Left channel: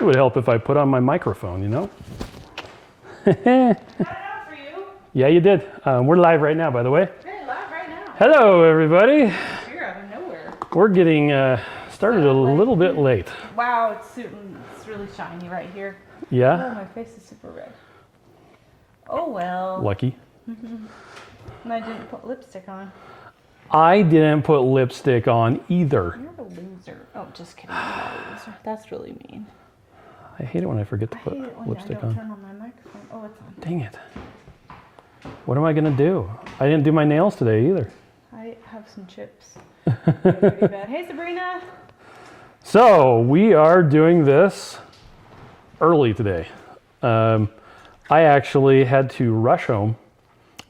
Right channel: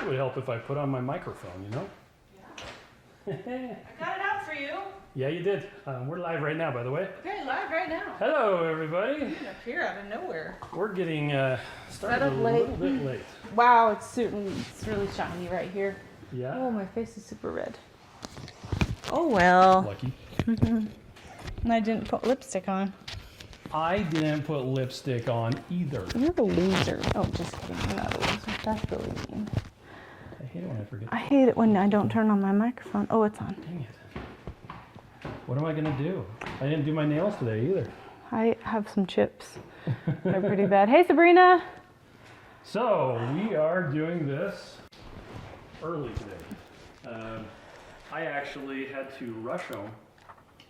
It would help if I put on my microphone, you know? Got it out for you. Yeah, you did. We're live right now, by the way. Very live right now. Hello, everybody. You're out of nowhere. We're getting started a little bit late. Wow, it's really shiny right here. Yeah? Oh, my face is super red. Oh, well. Lucky. And I didn't put lipstick on. I didn't put lipstick on either. You're a loser. Oh, just kidding. I'm not a loser. That's really mean. I hate it when I forget to I put hate it when I lipstick don't on. turn on my microphone. Oh, it's on. Dang it. What am I going to do? I didn't do my nails today either. I have some chips. They're pretty bad. Hey, Sabrina. So, we are doing this early today. I actually had to rush home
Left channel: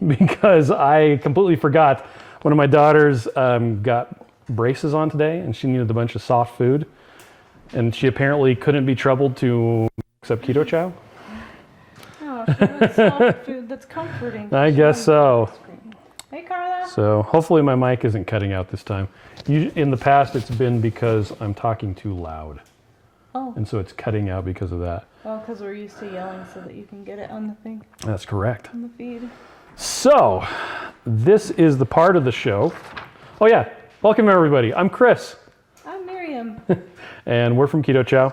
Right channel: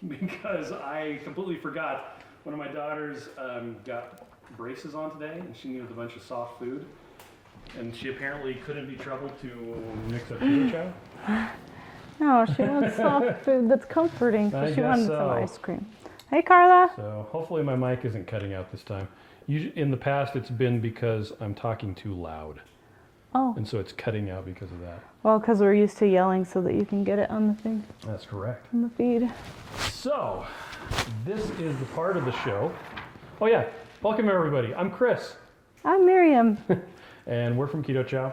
because I completely forgot. One of my daughters got braces on today and she needed a bunch of soft food. And she apparently couldn't be troubled to mix up keto chow. Oh, she wants soft food that's comforting. I She guess wanted so. some ice cream. Hey, Carla. So hopefully my mic isn't cutting out this time. In the past, it's been because I'm talking too loud. Oh, And so it's cutting out because of that. well, because we're used to yelling so that you can get it on the thing, That's correct. on the feed. So this is the part of the show. Oh yeah, welcome everybody. I'm Chris. I'm Miriam. And we're from Keto Chow.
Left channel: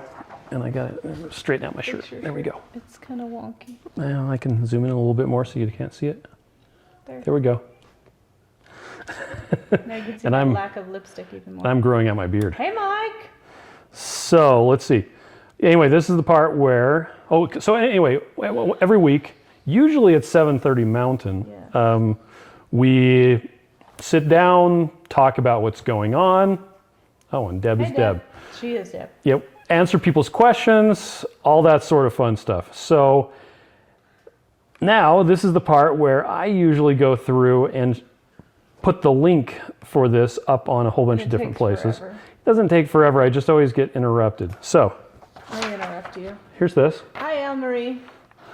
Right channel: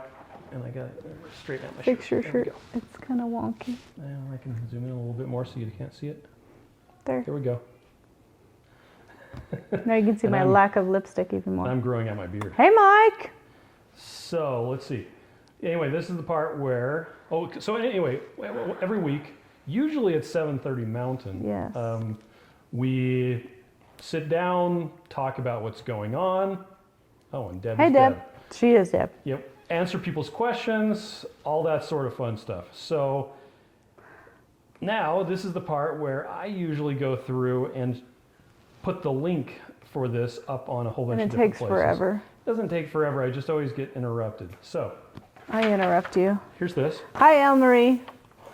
And I got to straighten out my shirt. Fix your There we shirt. go. It's kind of wonky. Now I can zoom in a little bit more so you can't see it. There. There we go. Now you can see And my I'm- lack of lipstick even more. I'm growing out my beard. Hey, Mike. So let's see. Anyway, this is the part where, so anyway, every week, usually at 7:30 Mountain, Yes. we sit down, talk about what's going on. Oh, and Deb Hey, is Deb. Deb. She is Deb. Yep. Answer people's questions, all that sort of fun stuff. So now this is the part where I usually go through and put the link for this up on a whole bunch It of different takes places. forever. It doesn't take forever. I just always get interrupted. So I interrupt you. here's this. Hi, Elle Marie.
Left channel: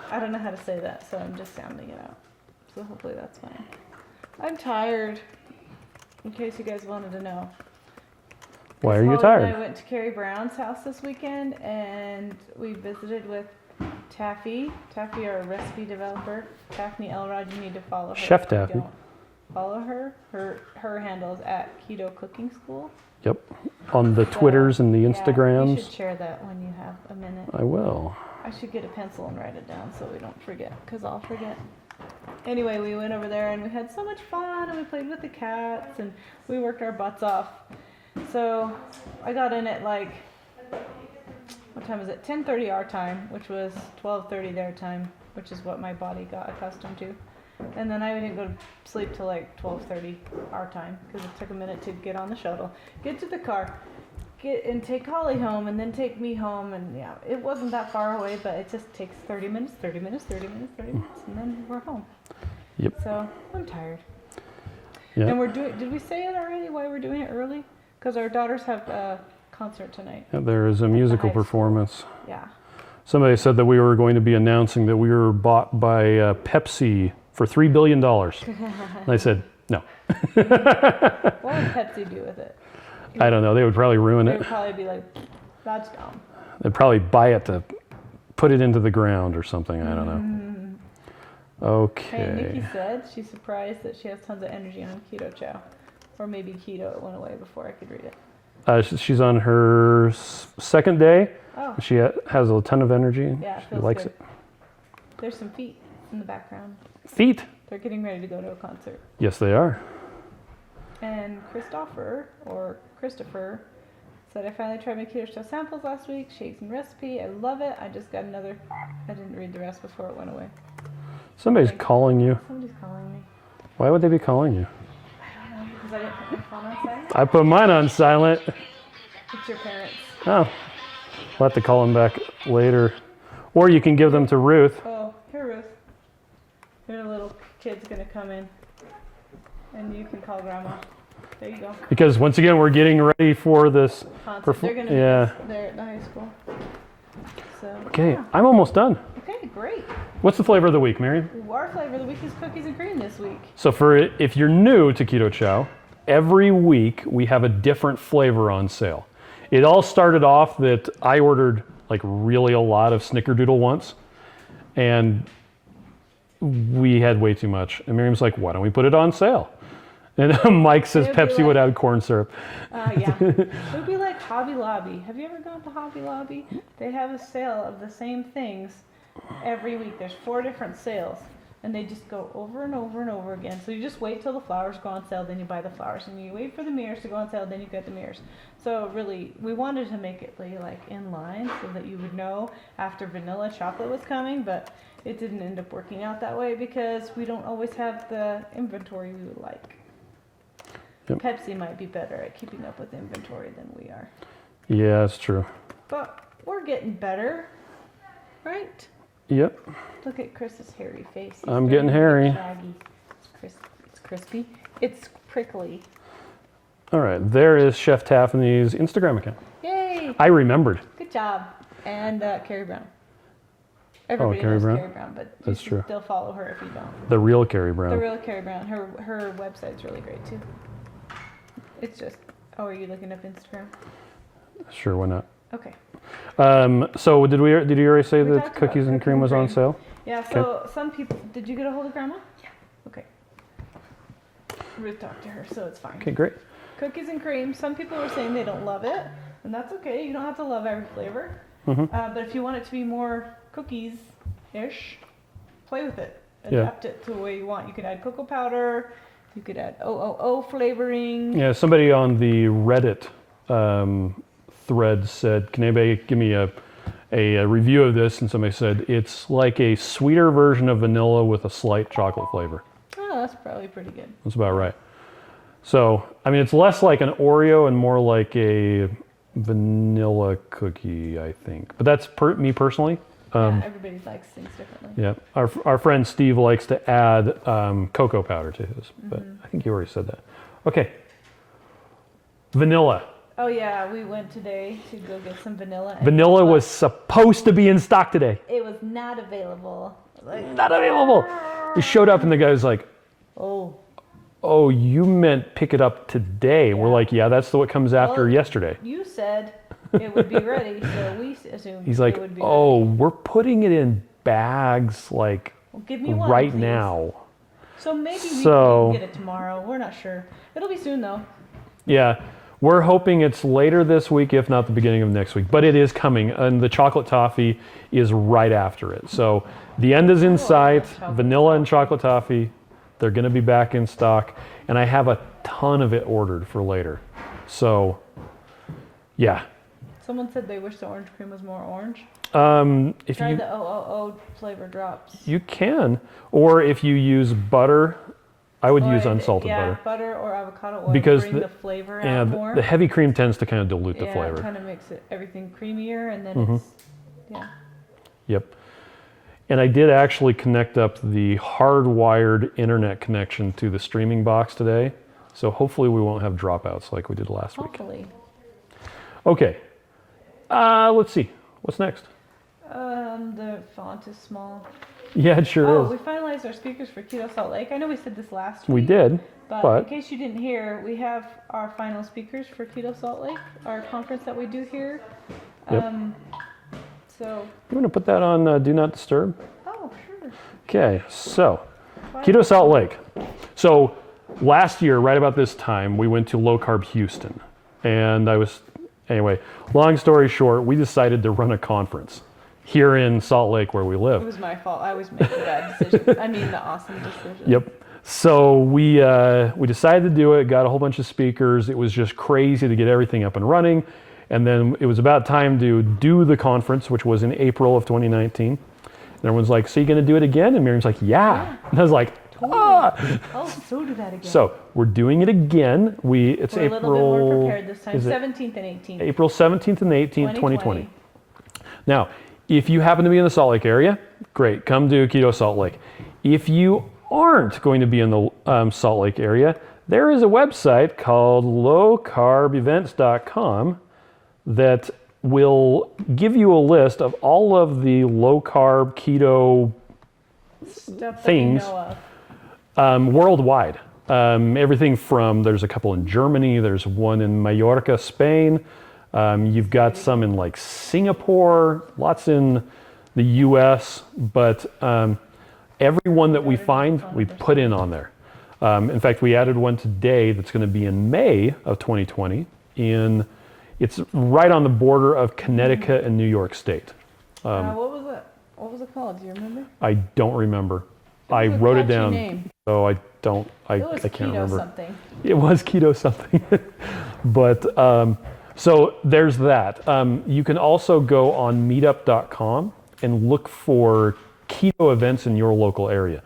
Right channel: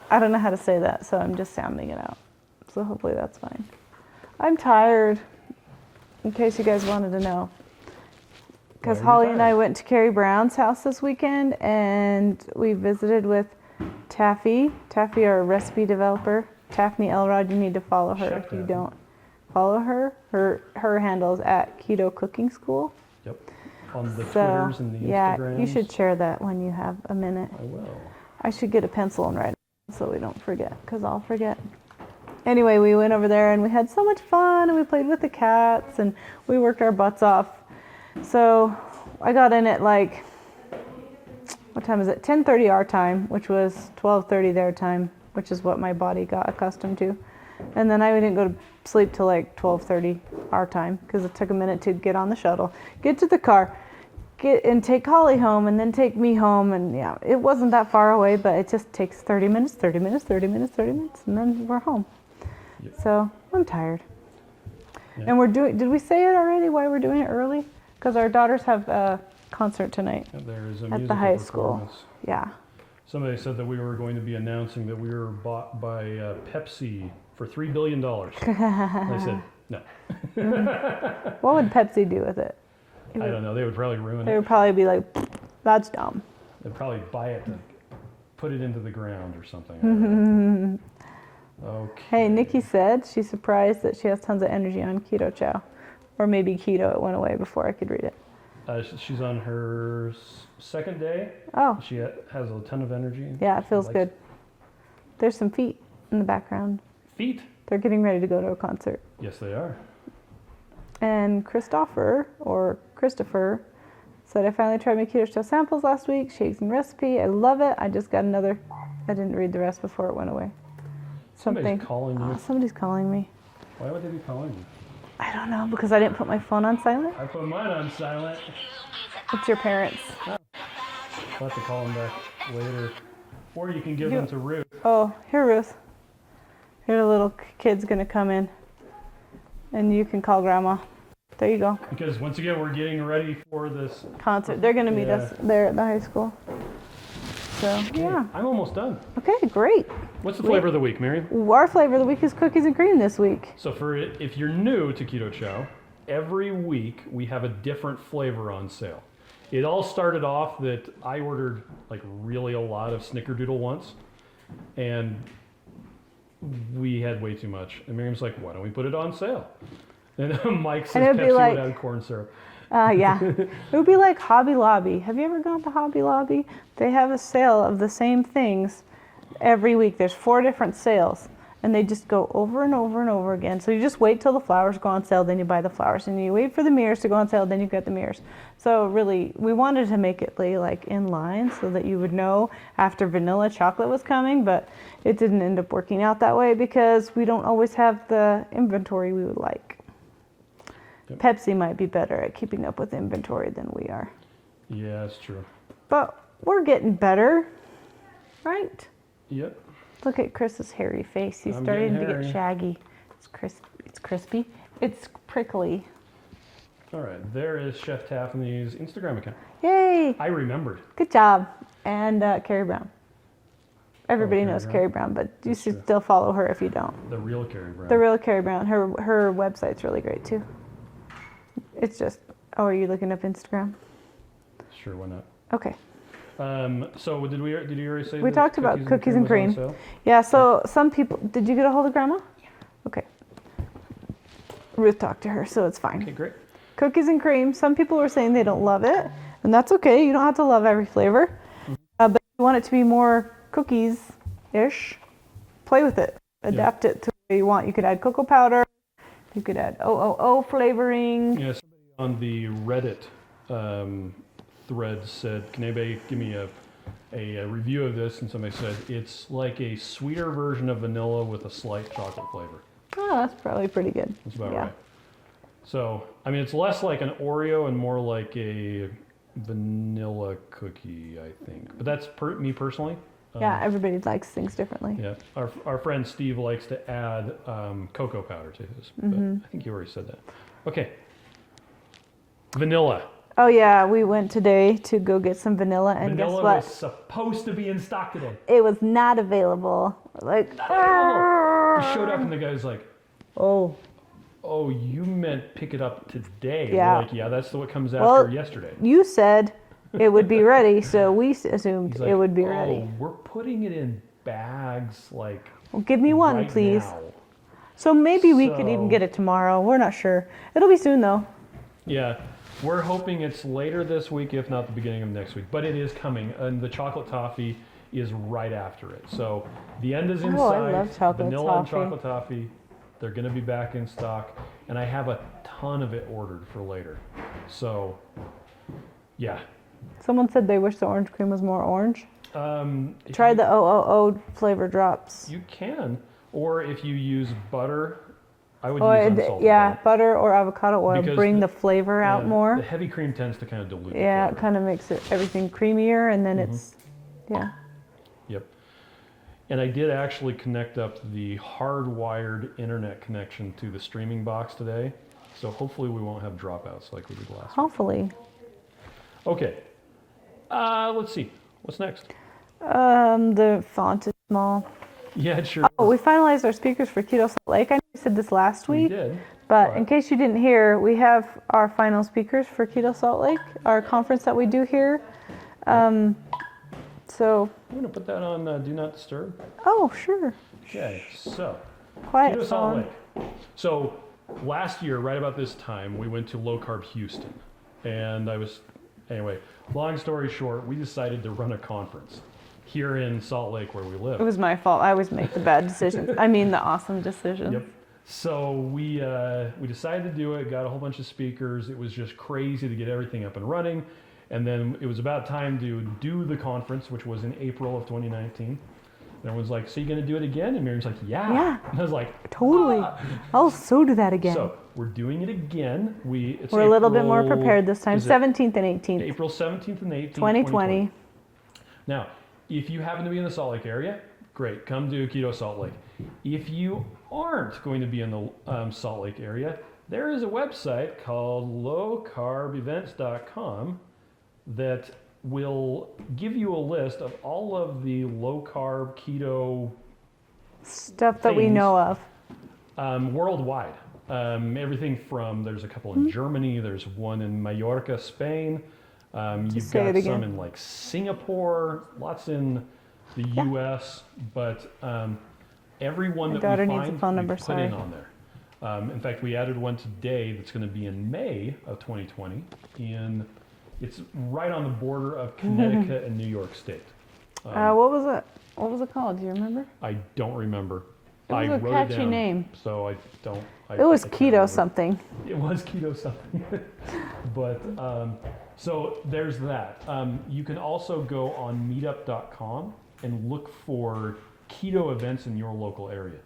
I don't know how to say that, so I'm just sounding it out. So hopefully that's fine. I'm tired, in case you guys wanted to know. Why are Because you Holly and I tired? went to Carrie Brown's house this weekend, and we visited with Taffy. Taffy, our recipe developer. Taffy Elrod, you need to follow her. Chef if you Taffy. don't follow her. Her handle is at Keto Cooking School. Yep. On the So, Twitters and the yeah, Instagrams. you should share that when you have a minute. I will. I should get a pencil and write it down so we don't forget, because I'll forget. Anyway, we went over there and we had so much fun, and we played with the cats, and we worked our butts off. So I got in at like, what time is it? 10:30 our time, which was 12:30 their time, which is what my body got accustomed to. And then I didn't go to sleep till like 12:30 our time, because it took a minute to get on the shuttle, get to the car, and take Holly home, and then take me home. And yeah, it wasn't that far away, but it just takes 30 minutes, 30 minutes, 30 minutes, 30 minutes, and then we're home. Yep. So I'm tired. Yeah. And we're doing, did we say it already why we're doing it early? Because our daughters have a concert tonight. Yeah, there is a the musical high school. performance. Yeah. Somebody said that we were going to be announcing that we were bought by Pepsi for $3 billion. And I said, no. What would Pepsi do with it? I don't know. They would probably ruin They it. would probably be like, that's dumb. They'd probably buy it to put it into the ground or something. I don't know. Okay. Hey, Nikki said she's surprised that she has tons of energy on Keto Chow. Or maybe Keto, it went away before I could read it. She's on her second day. Oh, She has a ton of energy. yeah, it She feels likes good. it. There's some feet in the background. Feet. They're getting ready to go to a concert. Yes, they are. And Christopher said, I finally tried my Keto Chow samples last week. Shakes and recipe. I love it. I just got another. I didn't read the rest before it went away. Somebody's Something. calling you. Oh, somebody's calling me. Why would they be calling you? I don't know, because I didn't put my phone on silent. I put mine on silent. It's your parents. Oh. I'll have to call them back later. Or you can give them to Ruth. Oh, here, Ruth. Here, the little kid's gonna come in, and you can call Grandma. There you go. Because once again, we're getting ready for this. Concert. They're gonna meet Yeah. us there at the high school. So, Okay, yeah. I'm almost done. Okay, great. What's the flavor of the week, Miriam? Our flavor of the week is cookies and cream this week. So if you're new to Keto Chow, every week we have a different flavor on sale. It all started off that I ordered like really a lot of Snickerdoodle once, and we had way too much. And Miriam's like, why don't we put it on sale? And Mike says it'd be Pepsi would like- add corn syrup. Yeah. It would be like Hobby Lobby. Have you ever gone to Hobby Lobby? They have a sale of the same things every week. There's 4 different sales, and they just go over and over and over again. So you just wait till the flowers go on sale, then you buy the flowers, and you wait for the mirrors to go on sale, then you get the mirrors. So really, we wanted to make it lay like in line so that you would know after vanilla chocolate was coming, but it didn't end up working out that way because we don't always have the inventory we would like. Yep. Pepsi might be better at keeping up with inventory than we are. Yeah, that's true. But we're getting better, right? Yep. Look at Chris's hairy face. He's I'm starting getting to hairy. get shaggy. It's crispy. It's prickly. All right, there is Chef Taffany's Instagram account. Yay! I remembered. Good job. And Carrie Brown. Everybody Carrie knows Brown? Carrie Brown, but you That's should true. still follow her if you don't. The real Carrie Brown. The real Carrie Brown. Her website's really great too. It's just. Oh, are you looking up Instagram? Sure, why not? Okay. So did you already say We that talked about cookies and cookies cream and was on cream. sale? Yeah, so some people, did you get a hold of Grandma? Yeah. Okay. Ruth talked to her, so it's fine. Okay, great. Cookies and cream, some people were saying they don't love it, and that's okay. You don't have to love every flavor. But if you want it to be more cookies-ish, play with it. Adapt it to the way you want. You could add cocoa powder. You could add OOO flavoring. Yeah, somebody on the Reddit thread said, can anybody give me a review of this? And somebody said, it's like a sweeter version of vanilla with a slight chocolate flavor. Oh, that's probably pretty good. That's about Yeah. right. So, I mean, it's less like an Oreo and more like a vanilla cookie, I think. But that's me personally. Yeah, everybody likes things differently. Yeah, our friend Steve likes to add cocoa powder to his, but I think you already said that. Okay, vanilla. Oh yeah, we went today to go get some vanilla. And Vanilla guess what? was supposed to be in stock today. It was not available. Like Not available. It showed up and the guy was like, oh. oh, you meant pick it up today. Yeah. We're like, yeah, that's what comes after Well, yesterday. You said it would be ready, so we assumed He's like, it would be oh, ready. we're putting it in bags like Well, give me one, right please. now. So maybe we could even get it tomorrow. We're not sure. It'll be soon though. Yeah, we're hoping it's later this week, if not the beginning of next week. But it is coming, and the chocolate toffee is right after it. So the end is in Oh, I sight. love chocolate Vanilla and toffee. chocolate toffee, they're going to be back in stock, and I have a ton of it ordered for later. So, yeah. Someone said they wish the orange cream was more orange. If Try you, the OOO flavor drops. You can, or if you use butter, I would use unsalted yeah, butter. butter or avocado oil Because bring the- the flavor Yeah, out more. the heavy cream tends to kind of dilute Yeah, the it flavor. kind of makes everything creamier, and then it's yeah. Yep. And I did actually connect up the hardwired internet connection to the streaming box today. So hopefully we won't have dropouts like we did last week. Hopefully. Okay. Let's see. What's next? The font is small. Yeah, it sure Oh, is. we finalized our speakers for Keto Salt Lake. I know we said this last week. We did. But in case you didn't hear, we have our final speakers for Keto Salt Lake, our conference that we do here. So, You want to put that on Do Not Disturb? oh, sure. Okay, so Quiet Keto Salt zone. Lake. So last year, right about this time, we went to Low Carb Houston. And anyway, long story short, we decided to run a conference here in Salt Lake where we It live. was my fault. I always make the bad decision. I mean, the awesome decision. Yep. So we decided to do it, got a whole bunch of speakers. It was just crazy to get everything up and running. And then it was about time to do the conference, which was in April of 2019. And everyone's like, so you going to do it again? And Miriam's like, yeah. And I was like, Totally. "Ah." I'll so do that again. So we're doing it again. It's We're a little bit more April- prepared this time. is it 17th and 18th. April 17th and 18th, 2020. 2020. Now, if you happen to be in the Salt Lake area, great, come do Keto Salt Lake. If you aren't going to be in the Salt Lake area, there is a website called lowcarbevents.com that will give you a list of all of the low carb keto Stuff that we things. know of. worldwide. Everything from, there's a couple in Germany, there's one in Mallorca, Spain, You've Say got it some again. in like Singapore, lots in the U.S., but every one that daughter we needs a find, phone we number, put in sorry. on there. In fact, we added one today that's going to be in May of 2020. It's right on the border of Connecticut and New York State. What was it? What was it called? Do you remember? I don't remember. It was I a wrote it catchy down, name. so I don't. It was I can't keto remember. something. It was keto something. But so there's that. You can also go on meetup.com and look for keto events in your local area.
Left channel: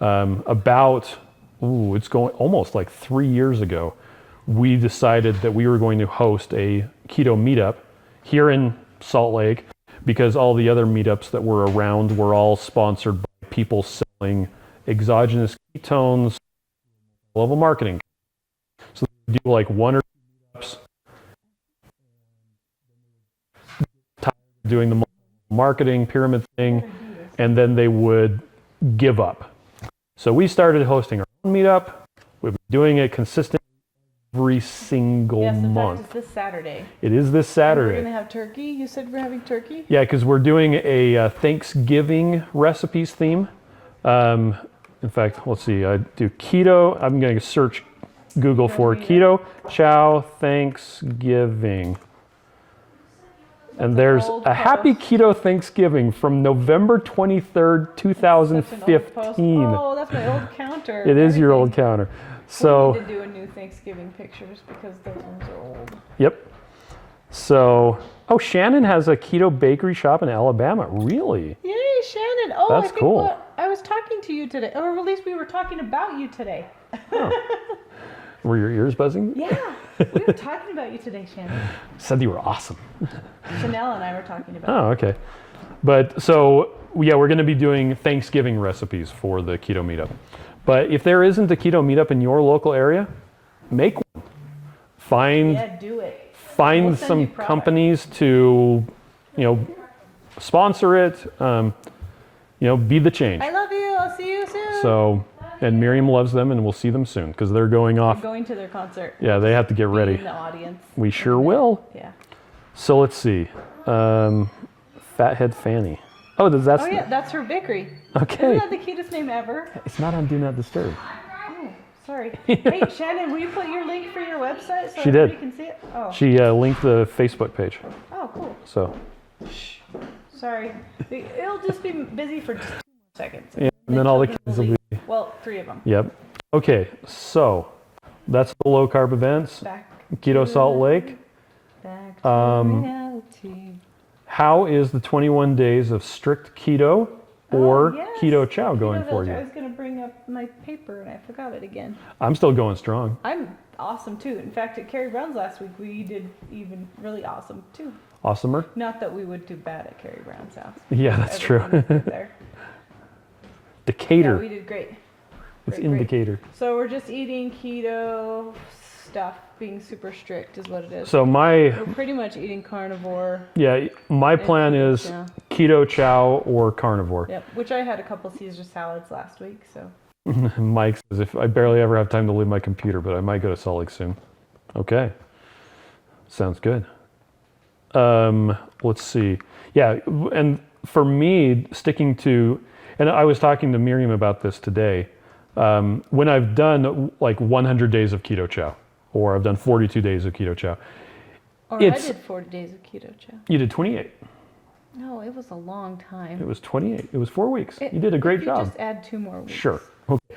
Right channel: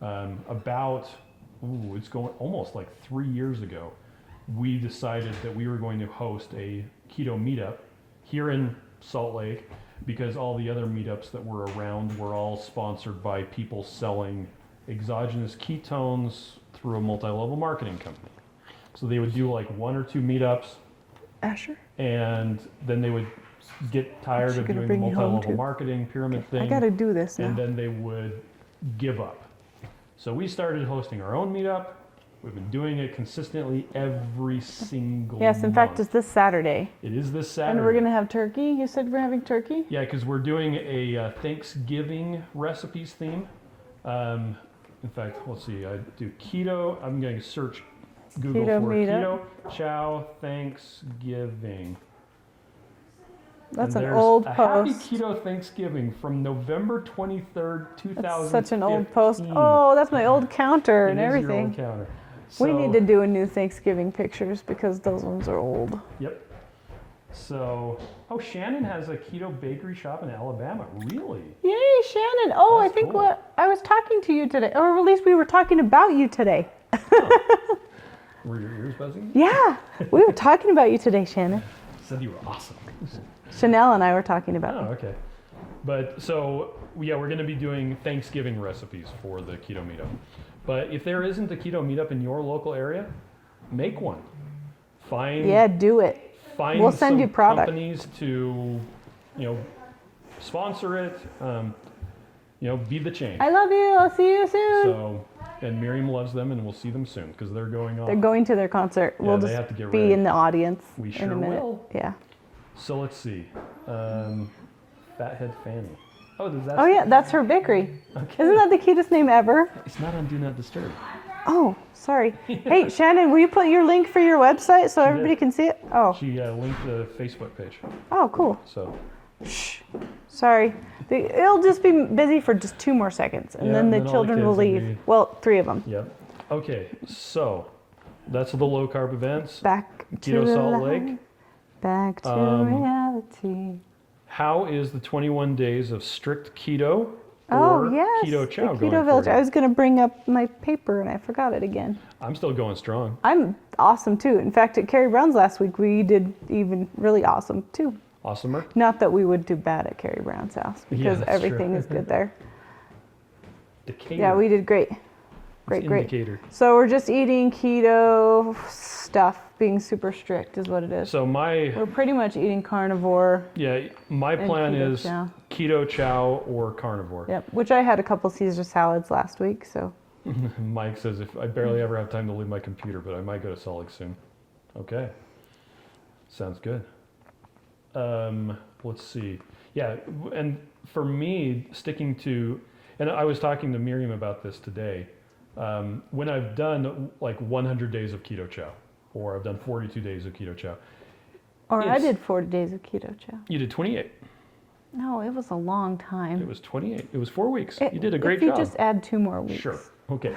It's going almost like 3 years ago, we decided that we were going to host a keto meetup here in Salt Lake because all the other meetups that were around were all sponsored by people selling exogenous ketones through a multi-level marketing company. So they would do like 1 or 2 meetups, Asher? and then they would get tired of gonna doing the bring you home, multi-level too. marketing pyramid I thing, gotta do this. and then they would give up. So we started hosting our own meetup. We've been doing it consistently every single Yes, in month. fact, it's this Saturday. It is this And Saturday. we're gonna have turkey. You said we're having turkey? Yeah, because we're doing a Thanksgiving recipes theme. In fact, let's see. I do keto. I'm going to search Google Keto for meetup. keto chow Thanksgiving. That's And an there's old a happy post. keto Thanksgiving from November 23rd, 2015. Such an old post. Oh, that's my old counter. It and is your old everything. counter. We So, need to do a new Thanksgiving pictures because those ones are old. yep. So, Shannon has a keto bakery shop in Alabama. Really? Yay, Shannon! Oh, That's I think cool. I was talking to you today, or at least we were talking about you today. Were your ears buzzing? Yeah, we were talking about you today, Shannon. Said you were awesome. Chanel and I were talking about. Oh, okay. But so, yeah, we're going to be doing Thanksgiving recipes for the keto meetup. But if there isn't a keto meetup in your local area, make one. Find Yeah, do it. find We'll send you some product. companies to, sponsor it. Be the change. I love you. I'll see you soon. So, and Miriam loves them, and we'll see them soon because they're going off. They're going to their concert. Yeah, they just have to get be ready. in the audience. We sure in a minute. will. Yeah. So let's see. Fathead Fanny. Oh, that's Oh yeah, that's her bakery. okay. Isn't that the cutest name ever? It's not on Do Not Disturb. Oh, sorry. Hey, Shannon, will you put your link for your website so She did. everybody can see it? Oh. She linked the Facebook page. Oh, cool. So Sorry. It'll just be busy for just 2 more seconds, and Yeah, then and the then all the children will kids will leave. be- Well, 3 of them. yep. Okay, so that's the low carb events. Back Keto to Salt life. Lake. Back to reality. How is the 21 days of strict keto or Oh, yes, keto the chow Keto going Village. for you? I was going to bring up my paper, and I forgot it again. I'm still going strong. I'm awesome, too. In fact, at Carrie Brown's last week, we did even really awesome, too. Awesomer. Not that we would do bad at Carrie Brown's house. Yeah, because that's true. everything is good there. Decatur. Yeah, we did great. What's Great, great. indicator? So we're just eating keto stuff, being super strict is what it is. So my We're pretty much eating carnivore. my plan keto is chow. keto chow or carnivore. Yep. Which I had a couple Caesar salads last week, so. Mike says if I barely ever have time to leave my computer, but I might go to Salt Lake soon. Okay. Sounds good. Let's see. Yeah, and for me, sticking to, and I was talking to Miriam about this today. When I've done like 100 days of keto chow, or I've done 42 days of keto chow, Or I It's- did 40 days of keto chow. you did 28. No, it was a long time. It was 28. It was 4 weeks. You did a great if you job. just add 2 more weeks. Sure. Okay.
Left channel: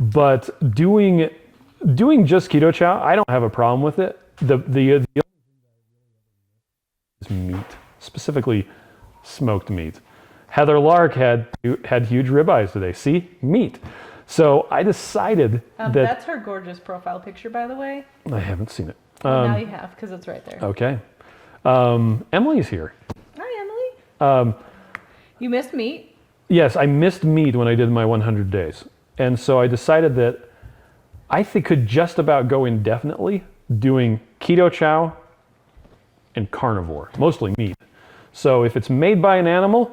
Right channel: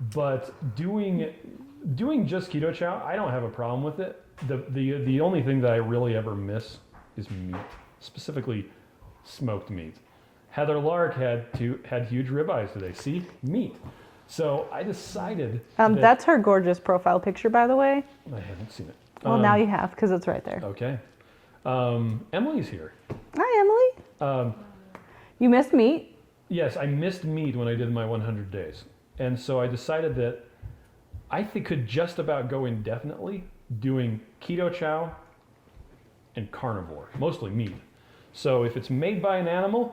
But doing just keto chow, I don't have a problem with it. The only thing that I really ever miss is meat, specifically smoked meat. Heather Lark had huge ribeyes today. See, meat. So I decided that That's her gorgeous profile picture, by the way. I haven't seen it. Well, now you have, because it's right there. Okay. Emily's here. Hi, Emily. You missed meat? Yes, I missed meat when I did my 100 days. And so I decided that I could just about go indefinitely doing keto chow and carnivore, mostly meat. So if it's made by an animal,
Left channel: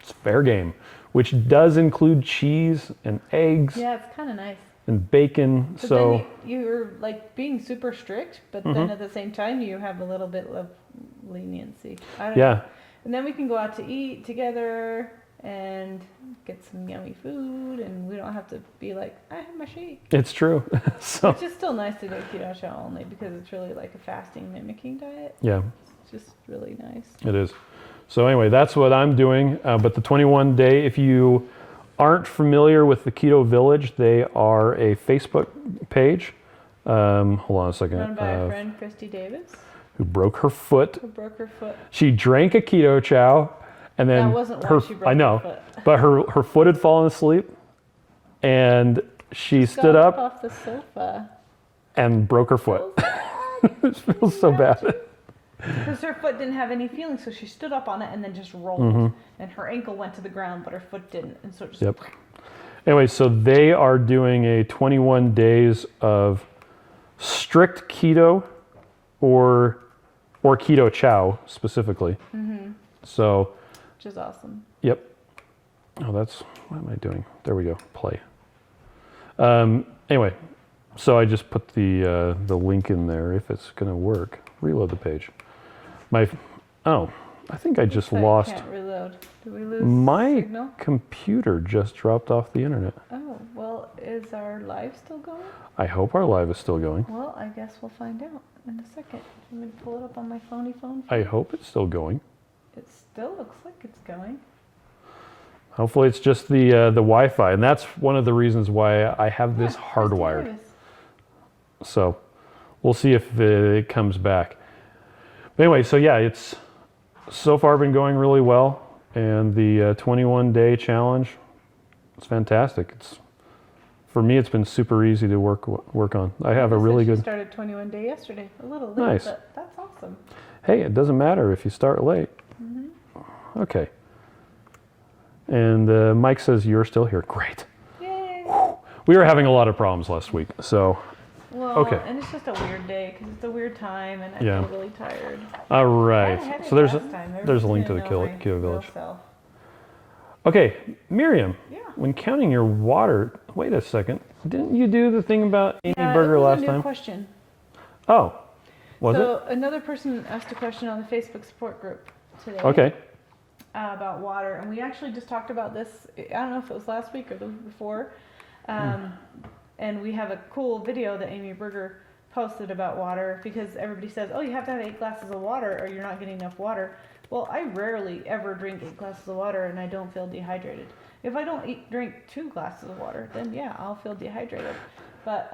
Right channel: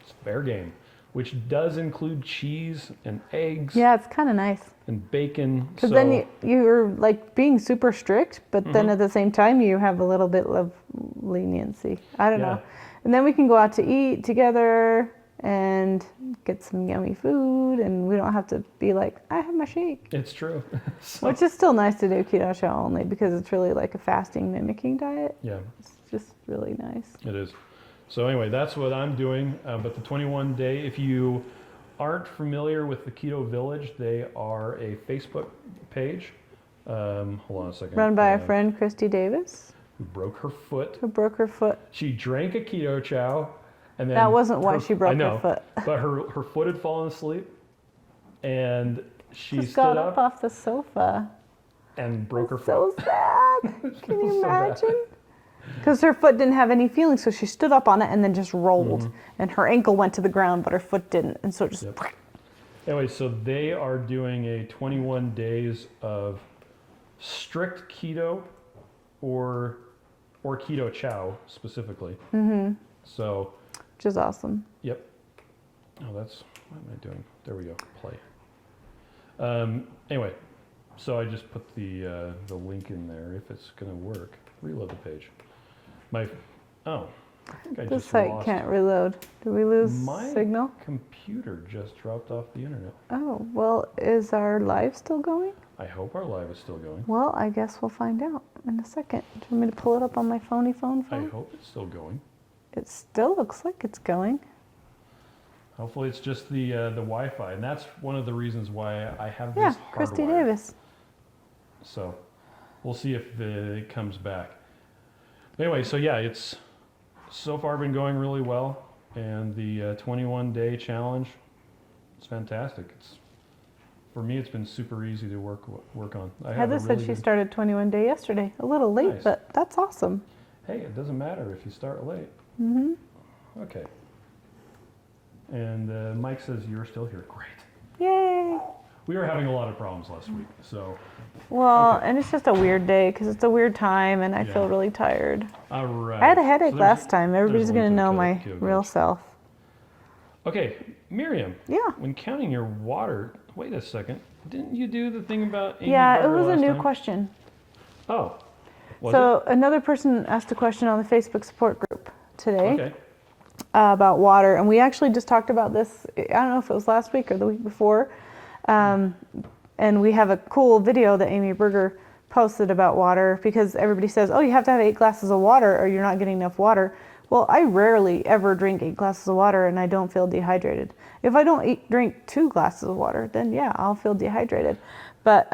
it's fair game, which does include cheese and eggs. Yeah, it's kind of nice. and bacon. Because So then you're like being super strict, but then at the same time you have a little bit of leniency. I don't know. And then we can go out to eat together and get some yummy food, and we don't have to be like, I have my shake. it's true. So Which is still nice to do keto chow only because it's really like a fasting mimicking diet. yeah, It's just really nice. it is. So anyway, that's what I'm doing. But the 21 day, if you aren't familiar with the Keto Village, they are a Facebook page. Hold on a second. Run by our friend Christy Davis, who broke her foot. who broke her foot. She drank a keto chow, and then That wasn't why she broke I know, her foot. but her foot had fallen asleep, and she Just stood got up off the sofa. and broke her foot. So sad. It feels so bad. Because her foot didn't have any feeling, so she stood up on it and then just rolled. And her ankle went to the ground, but her foot didn't. And so it just. Yep. Anyway, so they are doing a 21 days of strict keto, or keto chow specifically. So, Which is awesome. yep. Oh, what am I doing? There we go. Play. Anyway, so I just put the link in there if it's going to work. Reload the page. I think I This just site lost. can't reload. Did we lose My signal? computer just dropped off the internet. Oh, well, is our live still going? I hope our live is still going. Well, I guess we'll find out in a second. Do you want me to pull it up on my phone? I hope it's still going. It still looks like it's going. Hopefully it's just the Wi-Fi, and that's one of the reasons why I have this Christy hardwired. Davis. So we'll see if it comes back. But anyway, so yeah, it's so far been going really well, and the 21-day challenge, it's fantastic. For me, it's been super easy to work on. I have a really She good. started 21 day yesterday. A little late, Nice. but that's awesome. Hey, it doesn't matter if you start late. Okay. And Mike says you're still here. Great. Yay! We were having a lot of problems last week, so Well, Okay. and it's just a weird day because it's a weird time, and I Yeah. feel really tired. all right. I had a headache So there's last time. there's Everybody's a link gonna to the know my Keto real Village. self. Okay, Miriam. Yeah. When counting your water, wait a second. Didn't you do the thing about Amy Yeah, it Burger was last a new time? question. Oh, was So another person asked a question on the Facebook support group today. it? Okay. About water, and we actually just talked about this. I don't know if it was last week or the week before, and we have a cool video that Amy Berger posted about water because everybody says, "Oh, you have to have 8 glasses of water, or you're not getting enough water." Well, I rarely ever drink 8 glasses of water, and I don't feel dehydrated. If I don't drink 2 glasses of water, then yeah, I'll feel dehydrated. But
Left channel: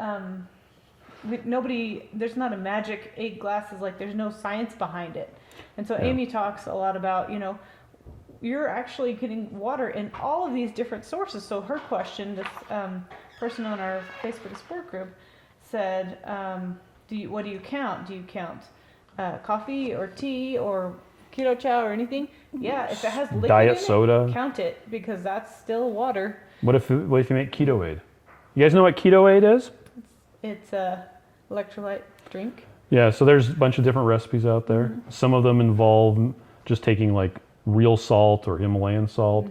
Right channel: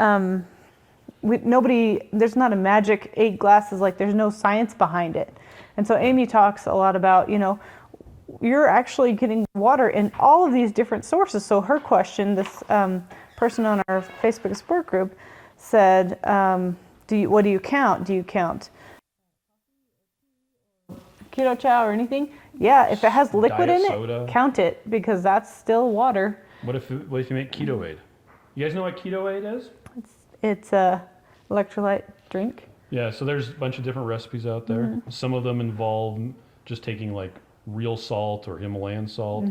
there's not a magic 8 glasses. Like there's no science behind it. And so Amy talks a lot about, you're actually getting water in all of these different sources. So her question, this person on our Facebook support group said, what do you count? Do you count coffee or tea or keto chow or anything? Yeah, if it has liquid Diet in soda. it, count it because that's still water. What if you make Ketoaid? You guys know what Ketoaid is? It's a electrolyte drink. Yeah, so there's a bunch of different recipes out there. Some of them involve just taking like real salt or Himalayan salt,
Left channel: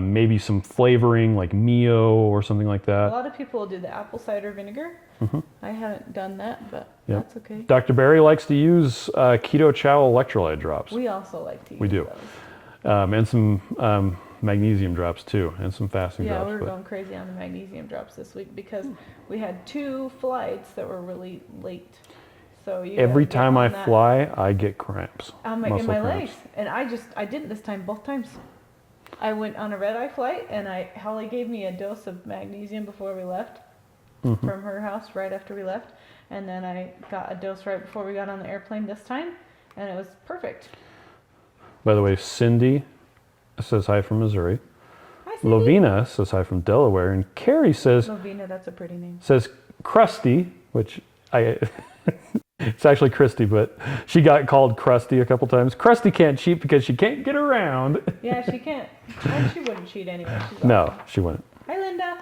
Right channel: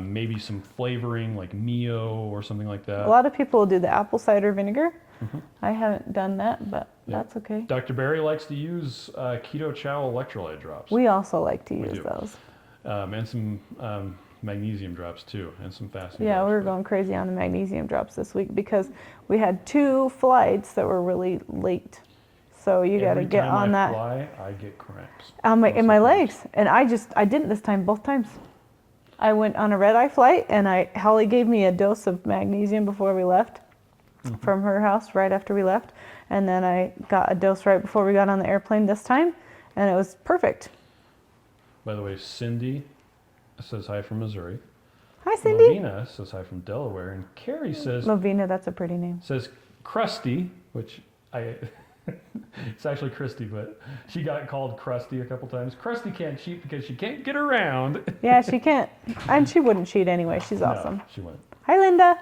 maybe some flavoring like Mio or something like A that. lot of people do the apple cider vinegar. I haven't done that, but Yeah. that's okay. Dr. Barry likes to use Keto Chow electrolyte drops. We also like to use do. those. And some magnesium drops too, and some fasting Yeah, drops. we were but- going crazy on the magnesium drops this week because we had 2 flights that were really late. So you gotta Every get time I on that. fly, I get cramps. in Muscle my cramps. legs, and I didn't this time, both times. I went on a red eye flight, and Holly gave me a dose of magnesium before we left from her house right after we left, and then I got a dose right before we got on the airplane this time, and it was perfect. By the way, Cindy says hi from Missouri. Hi, Cindy. Lovina says hi from Delaware, and Carrie says Lovina, that's a pretty name. Krusty, which it's actually Christy, but she got called Krusty a couple times. Krusty can't cheat because she can't get around. Yeah, she can't, and she wouldn't cheat anyway. She's awesome. No, she wouldn't. Hi, Linda.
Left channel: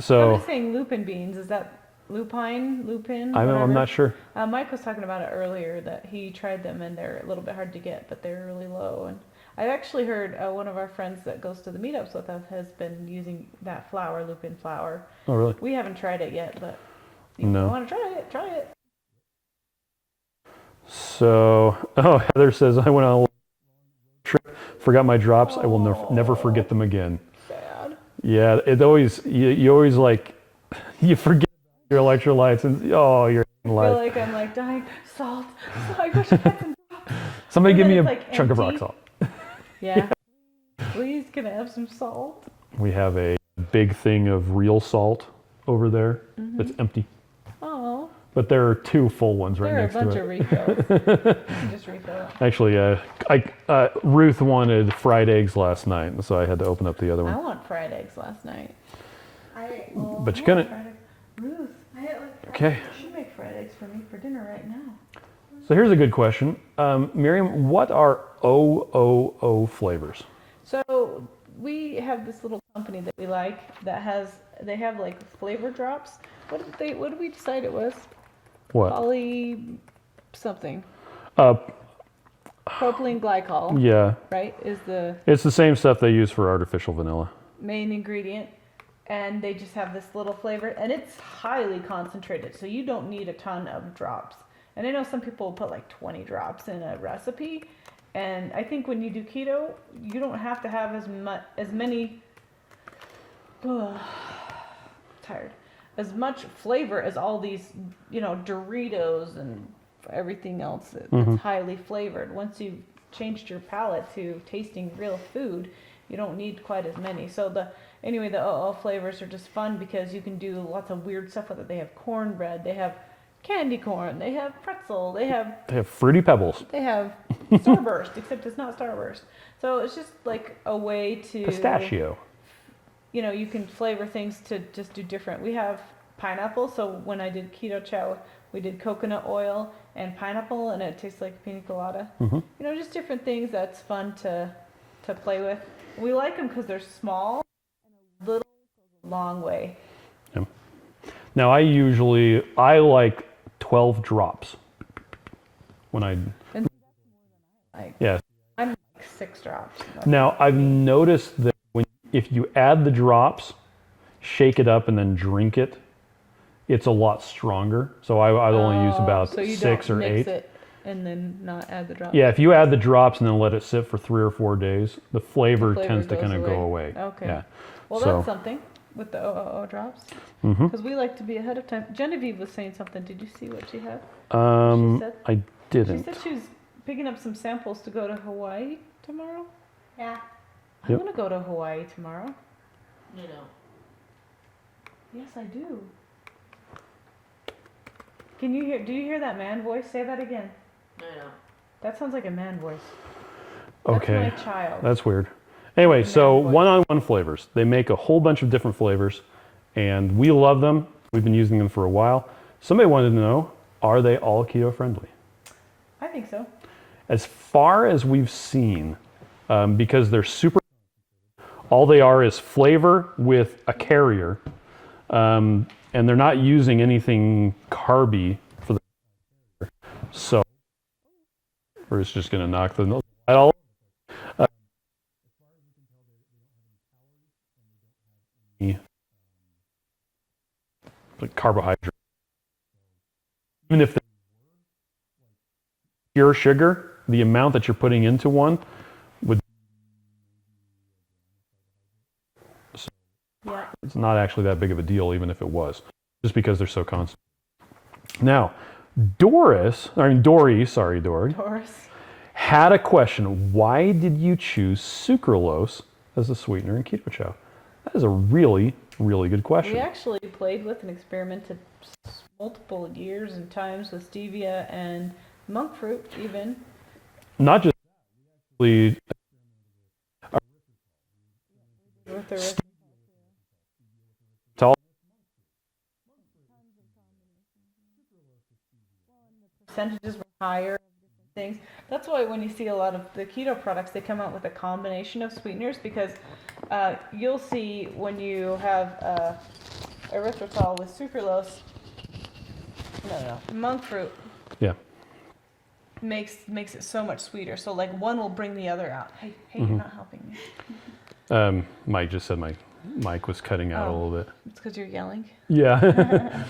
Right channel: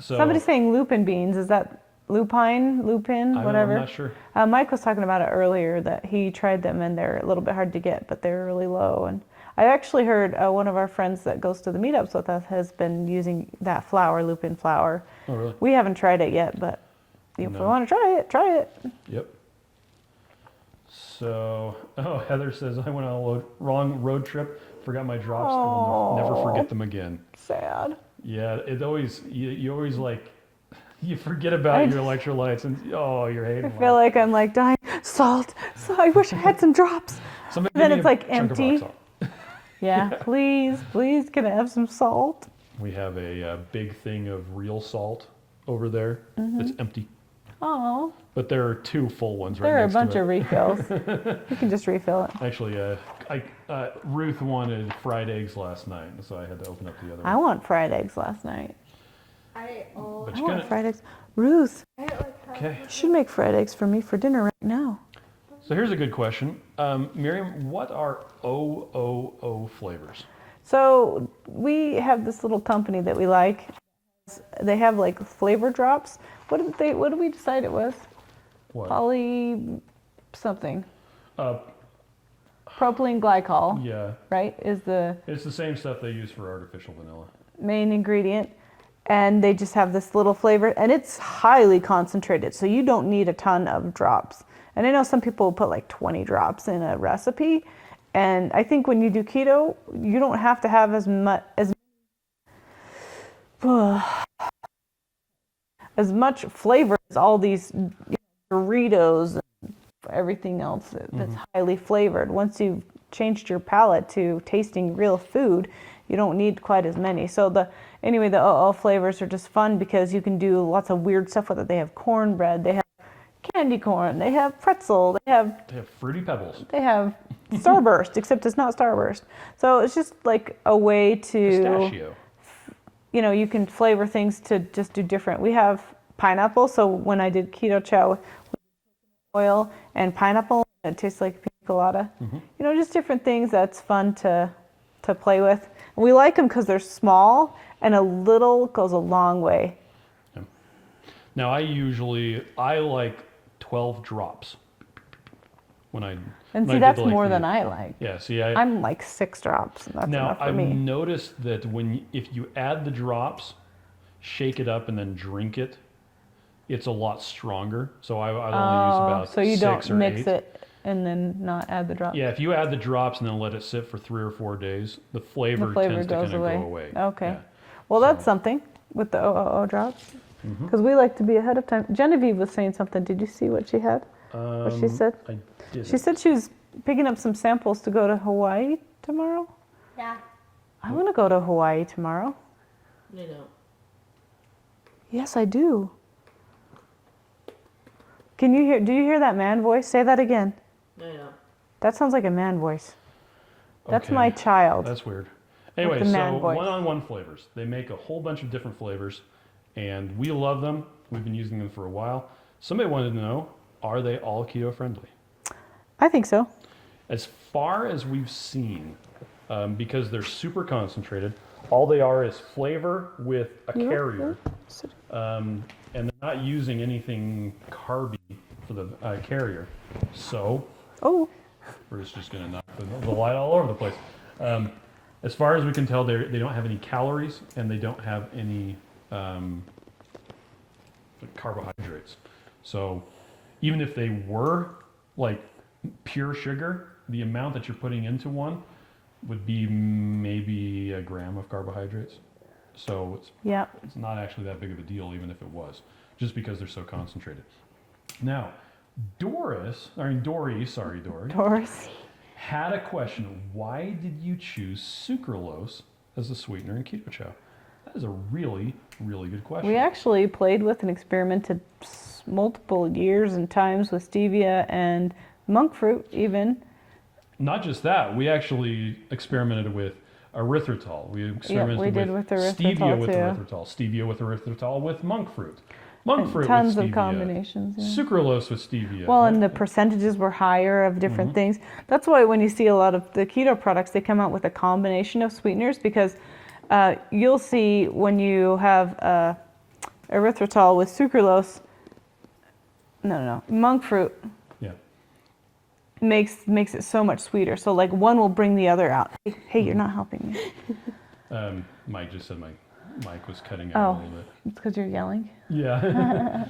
So Somebody's saying lupin beans. Is that lupine, lupin, whatever? I'm not sure. Mike was talking about it earlier that he tried them and they're a little bit hard to get, but they're really low. And I actually heard one of our friends that goes to the meetups with us has been using that flour, lupin flour. Oh, really? We haven't tried it yet, but if you No. want to try it. Yep. So, oh, Heather says, I went on a wrong road trip, forgot my drops. I will never forget them again. Sad. Yeah, it always, you always like, you forget about your electrolytes and, oh, you're hating I feel life. like I'm like dying. Salt. So I wish I had some drops. Somebody and give then me a it's like chunk of empty. rock salt. Yeah, please, can I have some salt? We have a big thing of real salt over there that's empty. Oh, But there are 2 full ones right there are a next bunch to it. of refills. You can just refill it. Actually, Ruth wanted fried eggs last night, so I had to open up the other I one. want fried eggs last night. But I you want couldn't. fried eggs. Ruth, Okay. you should make fried eggs for me for dinner right now. So here's a good question. Miriam, what are OOO flavors? So we have this little company that we like that they have like flavor drops. What did we decide it was? What? Poly something. Uh, Propylene glycol, yeah. right, is the It's the same stuff they use for artificial vanilla. main ingredient. And they just have this little flavor, and it's highly concentrated, so you don't need a ton of drops. And I know some people will put like 20 drops in a recipe, and I think when you do keto, you don't have to have as many tired, as much flavor as all these, Doritos and everything else that's highly flavored. Once you've changed your palate to tasting real food, you don't need quite as many. So the OO flavors are just fun because you can do lots of weird stuff with it. They have cornbread, they have candy corn, they have pretzel, they have Fruity Pebbles. Starburst, except it's not Starburst. So it's just like a way to Pistachio. you can flavor things to just do different. We have pineapple, so when I did keto chow, we did coconut oil and pineapple, and it tastes like pina colada. Just different things that's fun to play with. We like them because they're small, and a little goes a long way. Yeah. Now I like 12 drops. That's more than I like. Yeah, see, I'm like 6 drops. That's now enough for I've me. noticed that if you add the drops, shake it up and then drink it, it's a lot stronger. So I'd only use about so you 6 don't or mix 8. it and then not add the drops. Yeah, if you add the drops and then let it sit for 3 or 4 days, the flavor tends to goes kind of go away. Okay. Yeah. Well, So- that's something with the OOO drops. Because we like to be ahead of time. Genevieve was saying something. Did you see what she had? What she said? I didn't. She said she was picking up some samples to go to Hawaii tomorrow. Yeah. I'm going to go to Hawaii tomorrow. No. Yes, I do. Do you hear that man voice? Say that again. No. That sounds like a man voice. That's Okay. my child. That's weird. Anyway, the so man voice. one-on-one flavors. They make a whole bunch of different flavors, and we love them. We've been using them for a while. Somebody wanted to know, are they all keto friendly? I think so. As far as we've seen, because they're super concentrated, all they are is flavor with a carrier, and they're not using anything carby for the carrier. So Oh, we're just going to knock the light all over the place. As far as we can tell, they don't have any calories and they don't have any like carbohydrates. So even if they were like pure sugar, the amount that you're putting into one would be maybe a gram of carbohydrates. So yeah. it's not actually that big of a deal, even if it was, just because they're so concentrated. Now, Dory, Doris. had a question. Why did you choose sucralose as a sweetener in keto chow? That is a really, really good question. We actually played with and experimented multiple years and times with stevia and monk fruit even. Not just that, we actually experimented with erythritol. We experimented we did with stevia erythritol, with too. erythritol, stevia with erythritol with monk fruit, monk And fruit tons with of stevia, combinations. Yeah. sucralose with stevia. Well, and the percentages were higher of different things. That's why when you see a lot of the keto products, they come out with a combination of sweeteners because you'll see when you have erythritol with sucralose, monk fruit. Yeah. makes it so much sweeter. So like one will bring the other out. Hey, you're not helping me. Mike just said my mic was cutting out a little bit. It's because you're yelling. Yeah.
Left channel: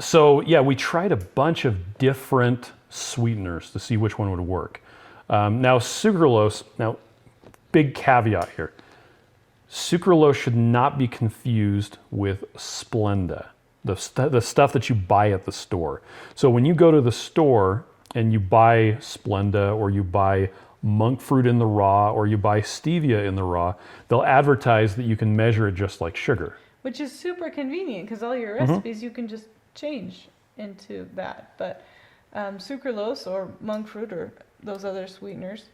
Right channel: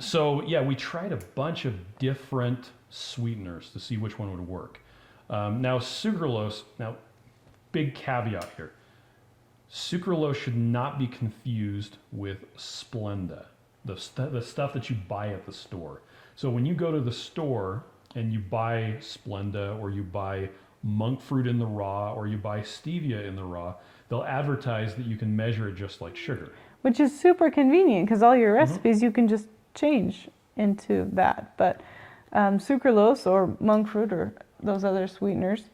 So yeah, we tried a bunch of different sweeteners to see which one would work. Now sucralose, big caveat here. Sucralose should not be confused with Splenda, the stuff that you buy at the store. So when you go to the store and you buy Splenda or you buy monk fruit in the raw or you buy stevia in the raw, they'll advertise that you can measure it just like sugar. Which is super convenient because all your recipes you can just change into that. But sucralose or monk fruit or those other sweeteners,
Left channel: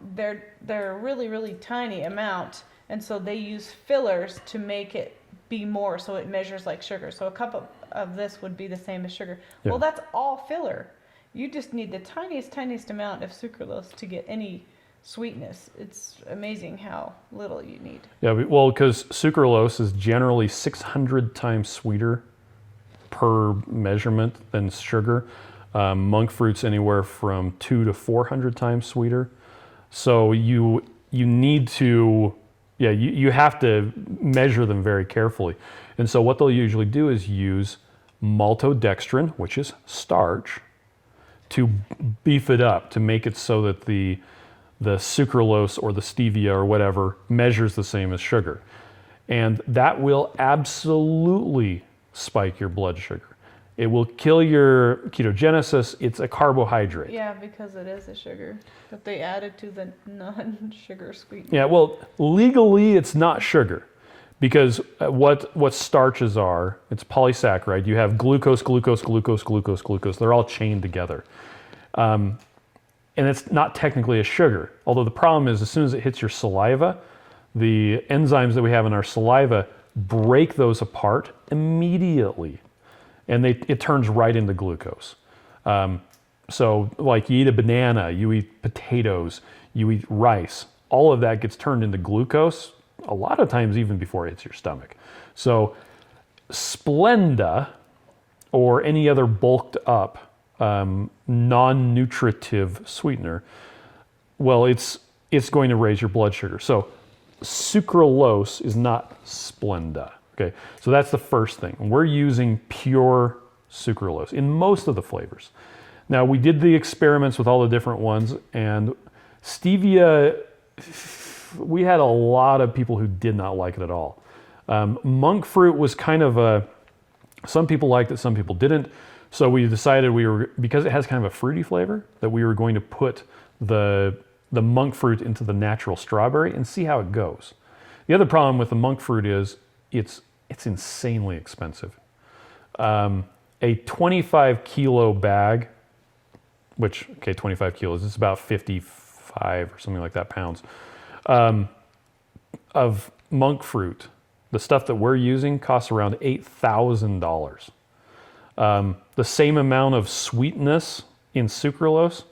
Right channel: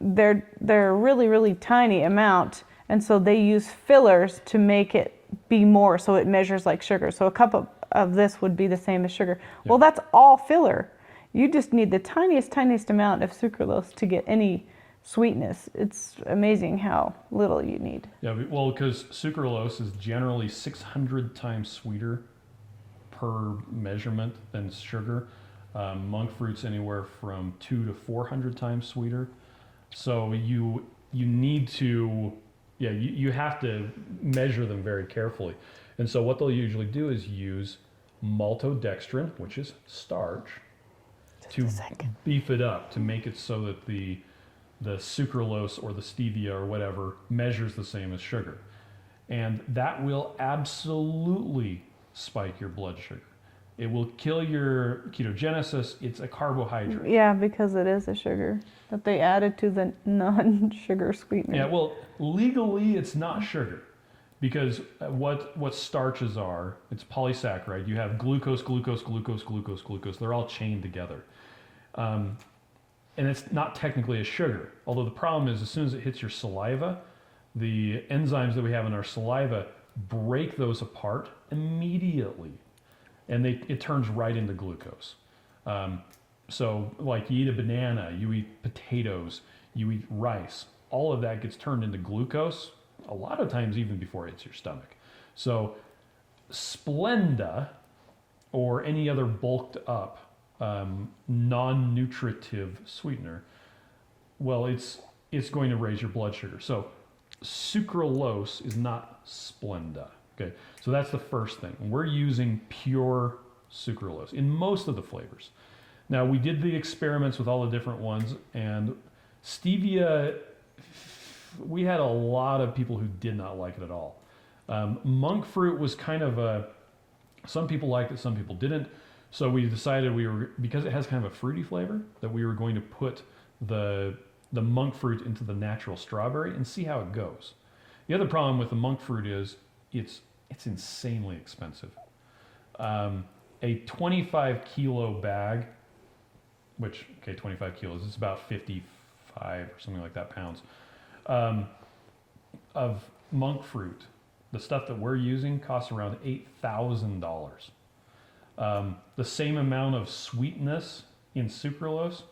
they're a really, really tiny amount. And so they use fillers to make it be more so it measures like sugar. So a cup of this would be the same as sugar. Yeah. Well, that's all filler. You just need the tiniest amount of sucralose to get any sweetness. It's amazing how little you need. Yeah, well, because sucralose is generally 600 times sweeter per measurement than sugar. Monk fruit's anywhere from 200 to 400 times sweeter. So you need to, you have to measure them very carefully. And so what they'll usually do is use maltodextrin, which is starch, to beef it up, to make it so that the sucralose or the stevia or whatever measures the same as sugar. And that will absolutely spike your blood sugar. It will kill your ketogenesis. It's a carbohydrate. Yeah, because it is a sugar that they added to the non-sugar sweetener. Yeah, well, legally it's not sugar because what starches are, it's polysaccharide. You have glucose, glucose, glucose, glucose, glucose. They're all chained together. And it's not technically a sugar. Although the problem is as soon as it hits your saliva, the enzymes that we have in our saliva break those apart immediately. And it turns right into glucose. So like you eat a banana, you eat potatoes, you eat rice, all of that gets turned into glucose a lot of times even before it hits your stomach. So Splenda or any other bulked up non-nutritive sweetener, well, it's going to raise your blood sugar. So sucralose is not Splenda. Okay, so that's the first thing. We're using pure sucralose in most of the flavors. Now, we did the experiments with all the different ones, and stevia, we had a lot of people who did not like it at all. Monk fruit was kind of some people liked it, some people didn't. So we decided because it has kind of a fruity flavor, that we were going to put the monk fruit into the natural strawberry and see how it goes. The other problem with the monk fruit is it's insanely expensive. A 25 kilo bag, 25 kilos, it's about 55 or something like that pounds, of monk fruit, the stuff that we're using costs around $8,000. The same amount of sweetness in sucralose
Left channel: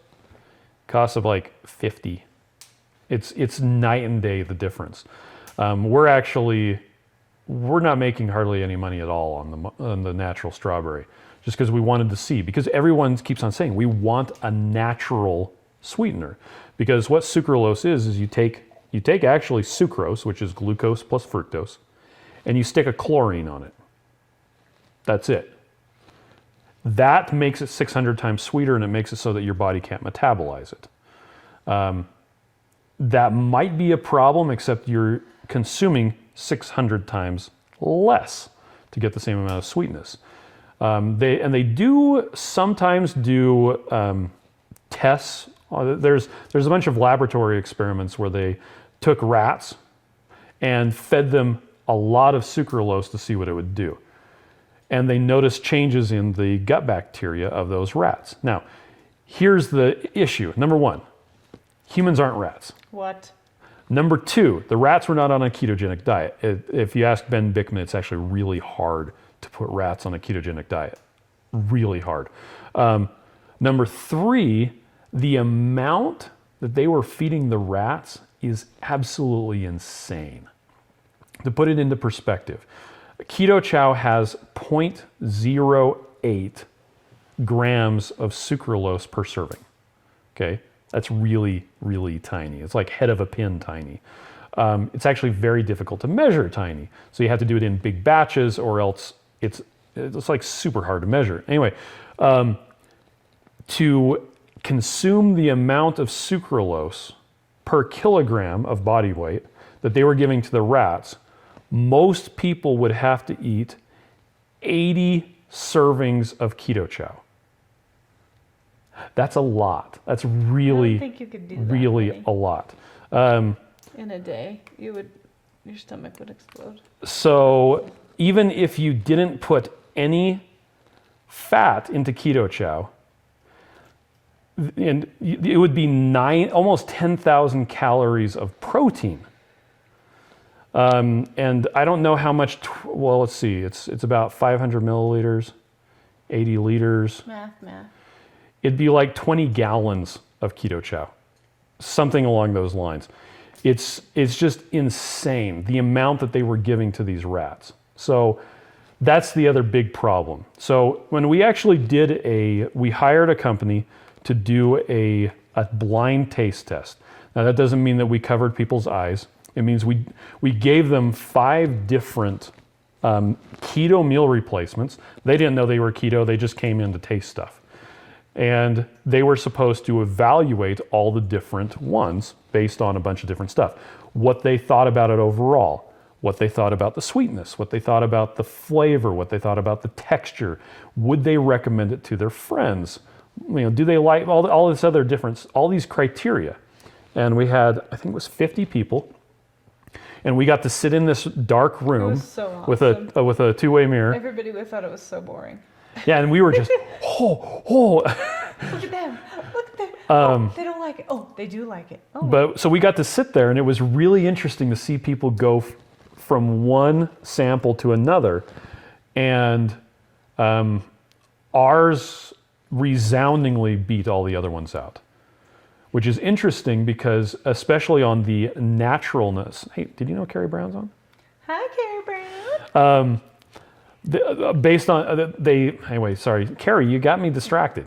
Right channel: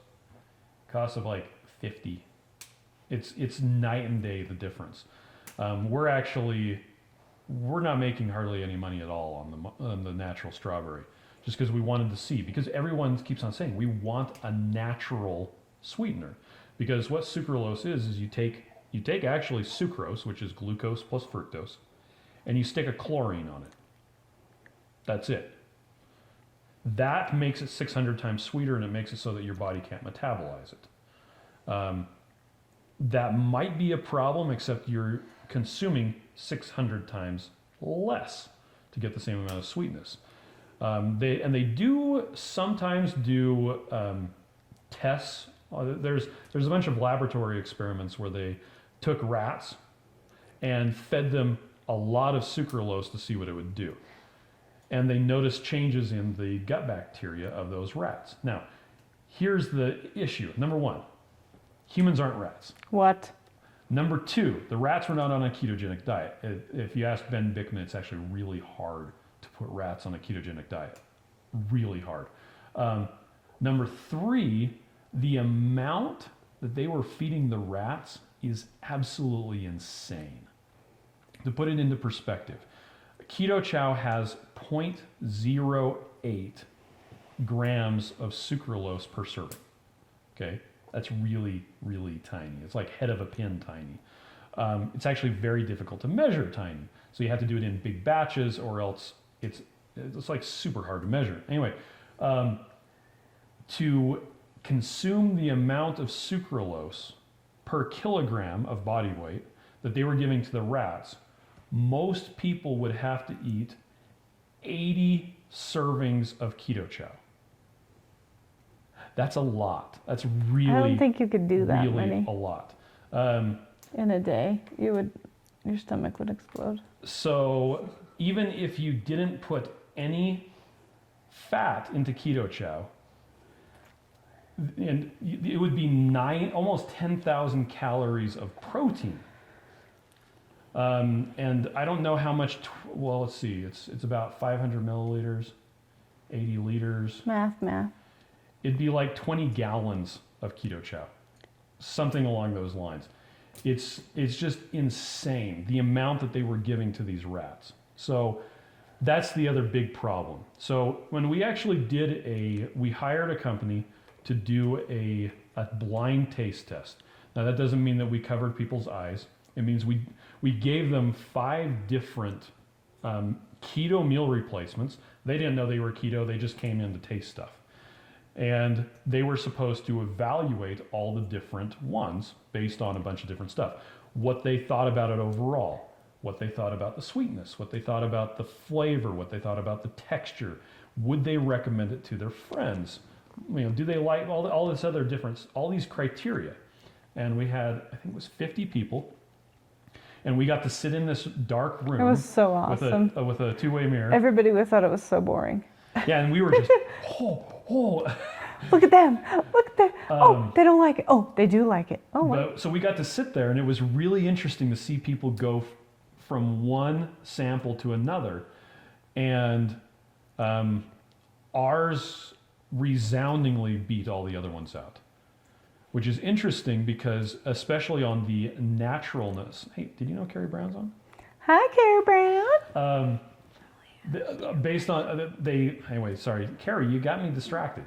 costs of like 50. It's night and day, the difference. We're not making hardly any money at all on the natural strawberry, just because we wanted to see, because everyone keeps on saying we want a natural sweetener. Because what sucralose is you take actually sucrose, which is glucose plus fructose, and you stick a chlorine on it. That's it. That makes it 600 times sweeter, and it makes it so that your body can't metabolize it. That might be a problem, except you're consuming 600 times less to get the same amount of sweetness. They do sometimes do tests. There's a bunch of laboratory experiments where they took rats and fed them a lot of sucralose to see what it would do. And they noticed changes in the gut bacteria of those rats. Now, here's the issue. Number one, humans aren't rats. What? Number two, the rats were not on a ketogenic diet. If you ask Ben Bickman, it's actually really hard to put rats on a ketogenic diet. Really hard. Number three, the amount that they were feeding the rats is absolutely insane. To put it into perspective, Keto Chow has 0.08 grams of sucralose per serving. Okay, that's really, really tiny. It's like head of a pin tiny. It's actually very difficult to measure tiny. So you have to do it in big batches, or else it's like super hard to measure. Anyway, to consume the amount of sucralose per kilogram of body weight that they were giving to the rats, most people would have to eat 80 servings of keto chow. That's a lot. That's I really, don't think you could do that really many a lot. in a day. Your stomach would explode. So even if you didn't put any fat into keto chow, and it would be almost 10,000 calories of protein. And I don't know how much, well, let's see, it's about 500 milliliters, 80 liters. Math. It'd be like 20 gallons of keto chow, something along those lines. It's just insane, the amount that they were giving to these rats. So that's the other big problem. So when we actually we hired a company to do a blind taste test. Now that doesn't mean that we covered people's eyes. It means we gave them 5 different keto meal replacements. They didn't know they were keto, they just came in to taste stuff. And they were supposed to evaluate all the different ones based on a bunch of different stuff. What they thought about it overall, what they thought about the sweetness, what they thought about the flavor, what they thought about the texture. Would they recommend it to their friends? Do they like all this other difference, all these criteria? And we had, I think it was 50 people. And we got to sit in this dark room was so awesome. with a two-way mirror. Everybody would thought it was so boring. Yeah, and we were just, Look at them. Look at them. Oh, they don't like it. Oh, they do like it. Oh, But so we got to sit there, and it was really interesting to see people go from one sample to another, and ours resoundingly beat all the other ones out, which is interesting because, especially on the naturalness. Hey, did you know Carrie Brown's on? Hi, Carrie Brown. Based on anyway, sorry, Carrie, you got me distracted.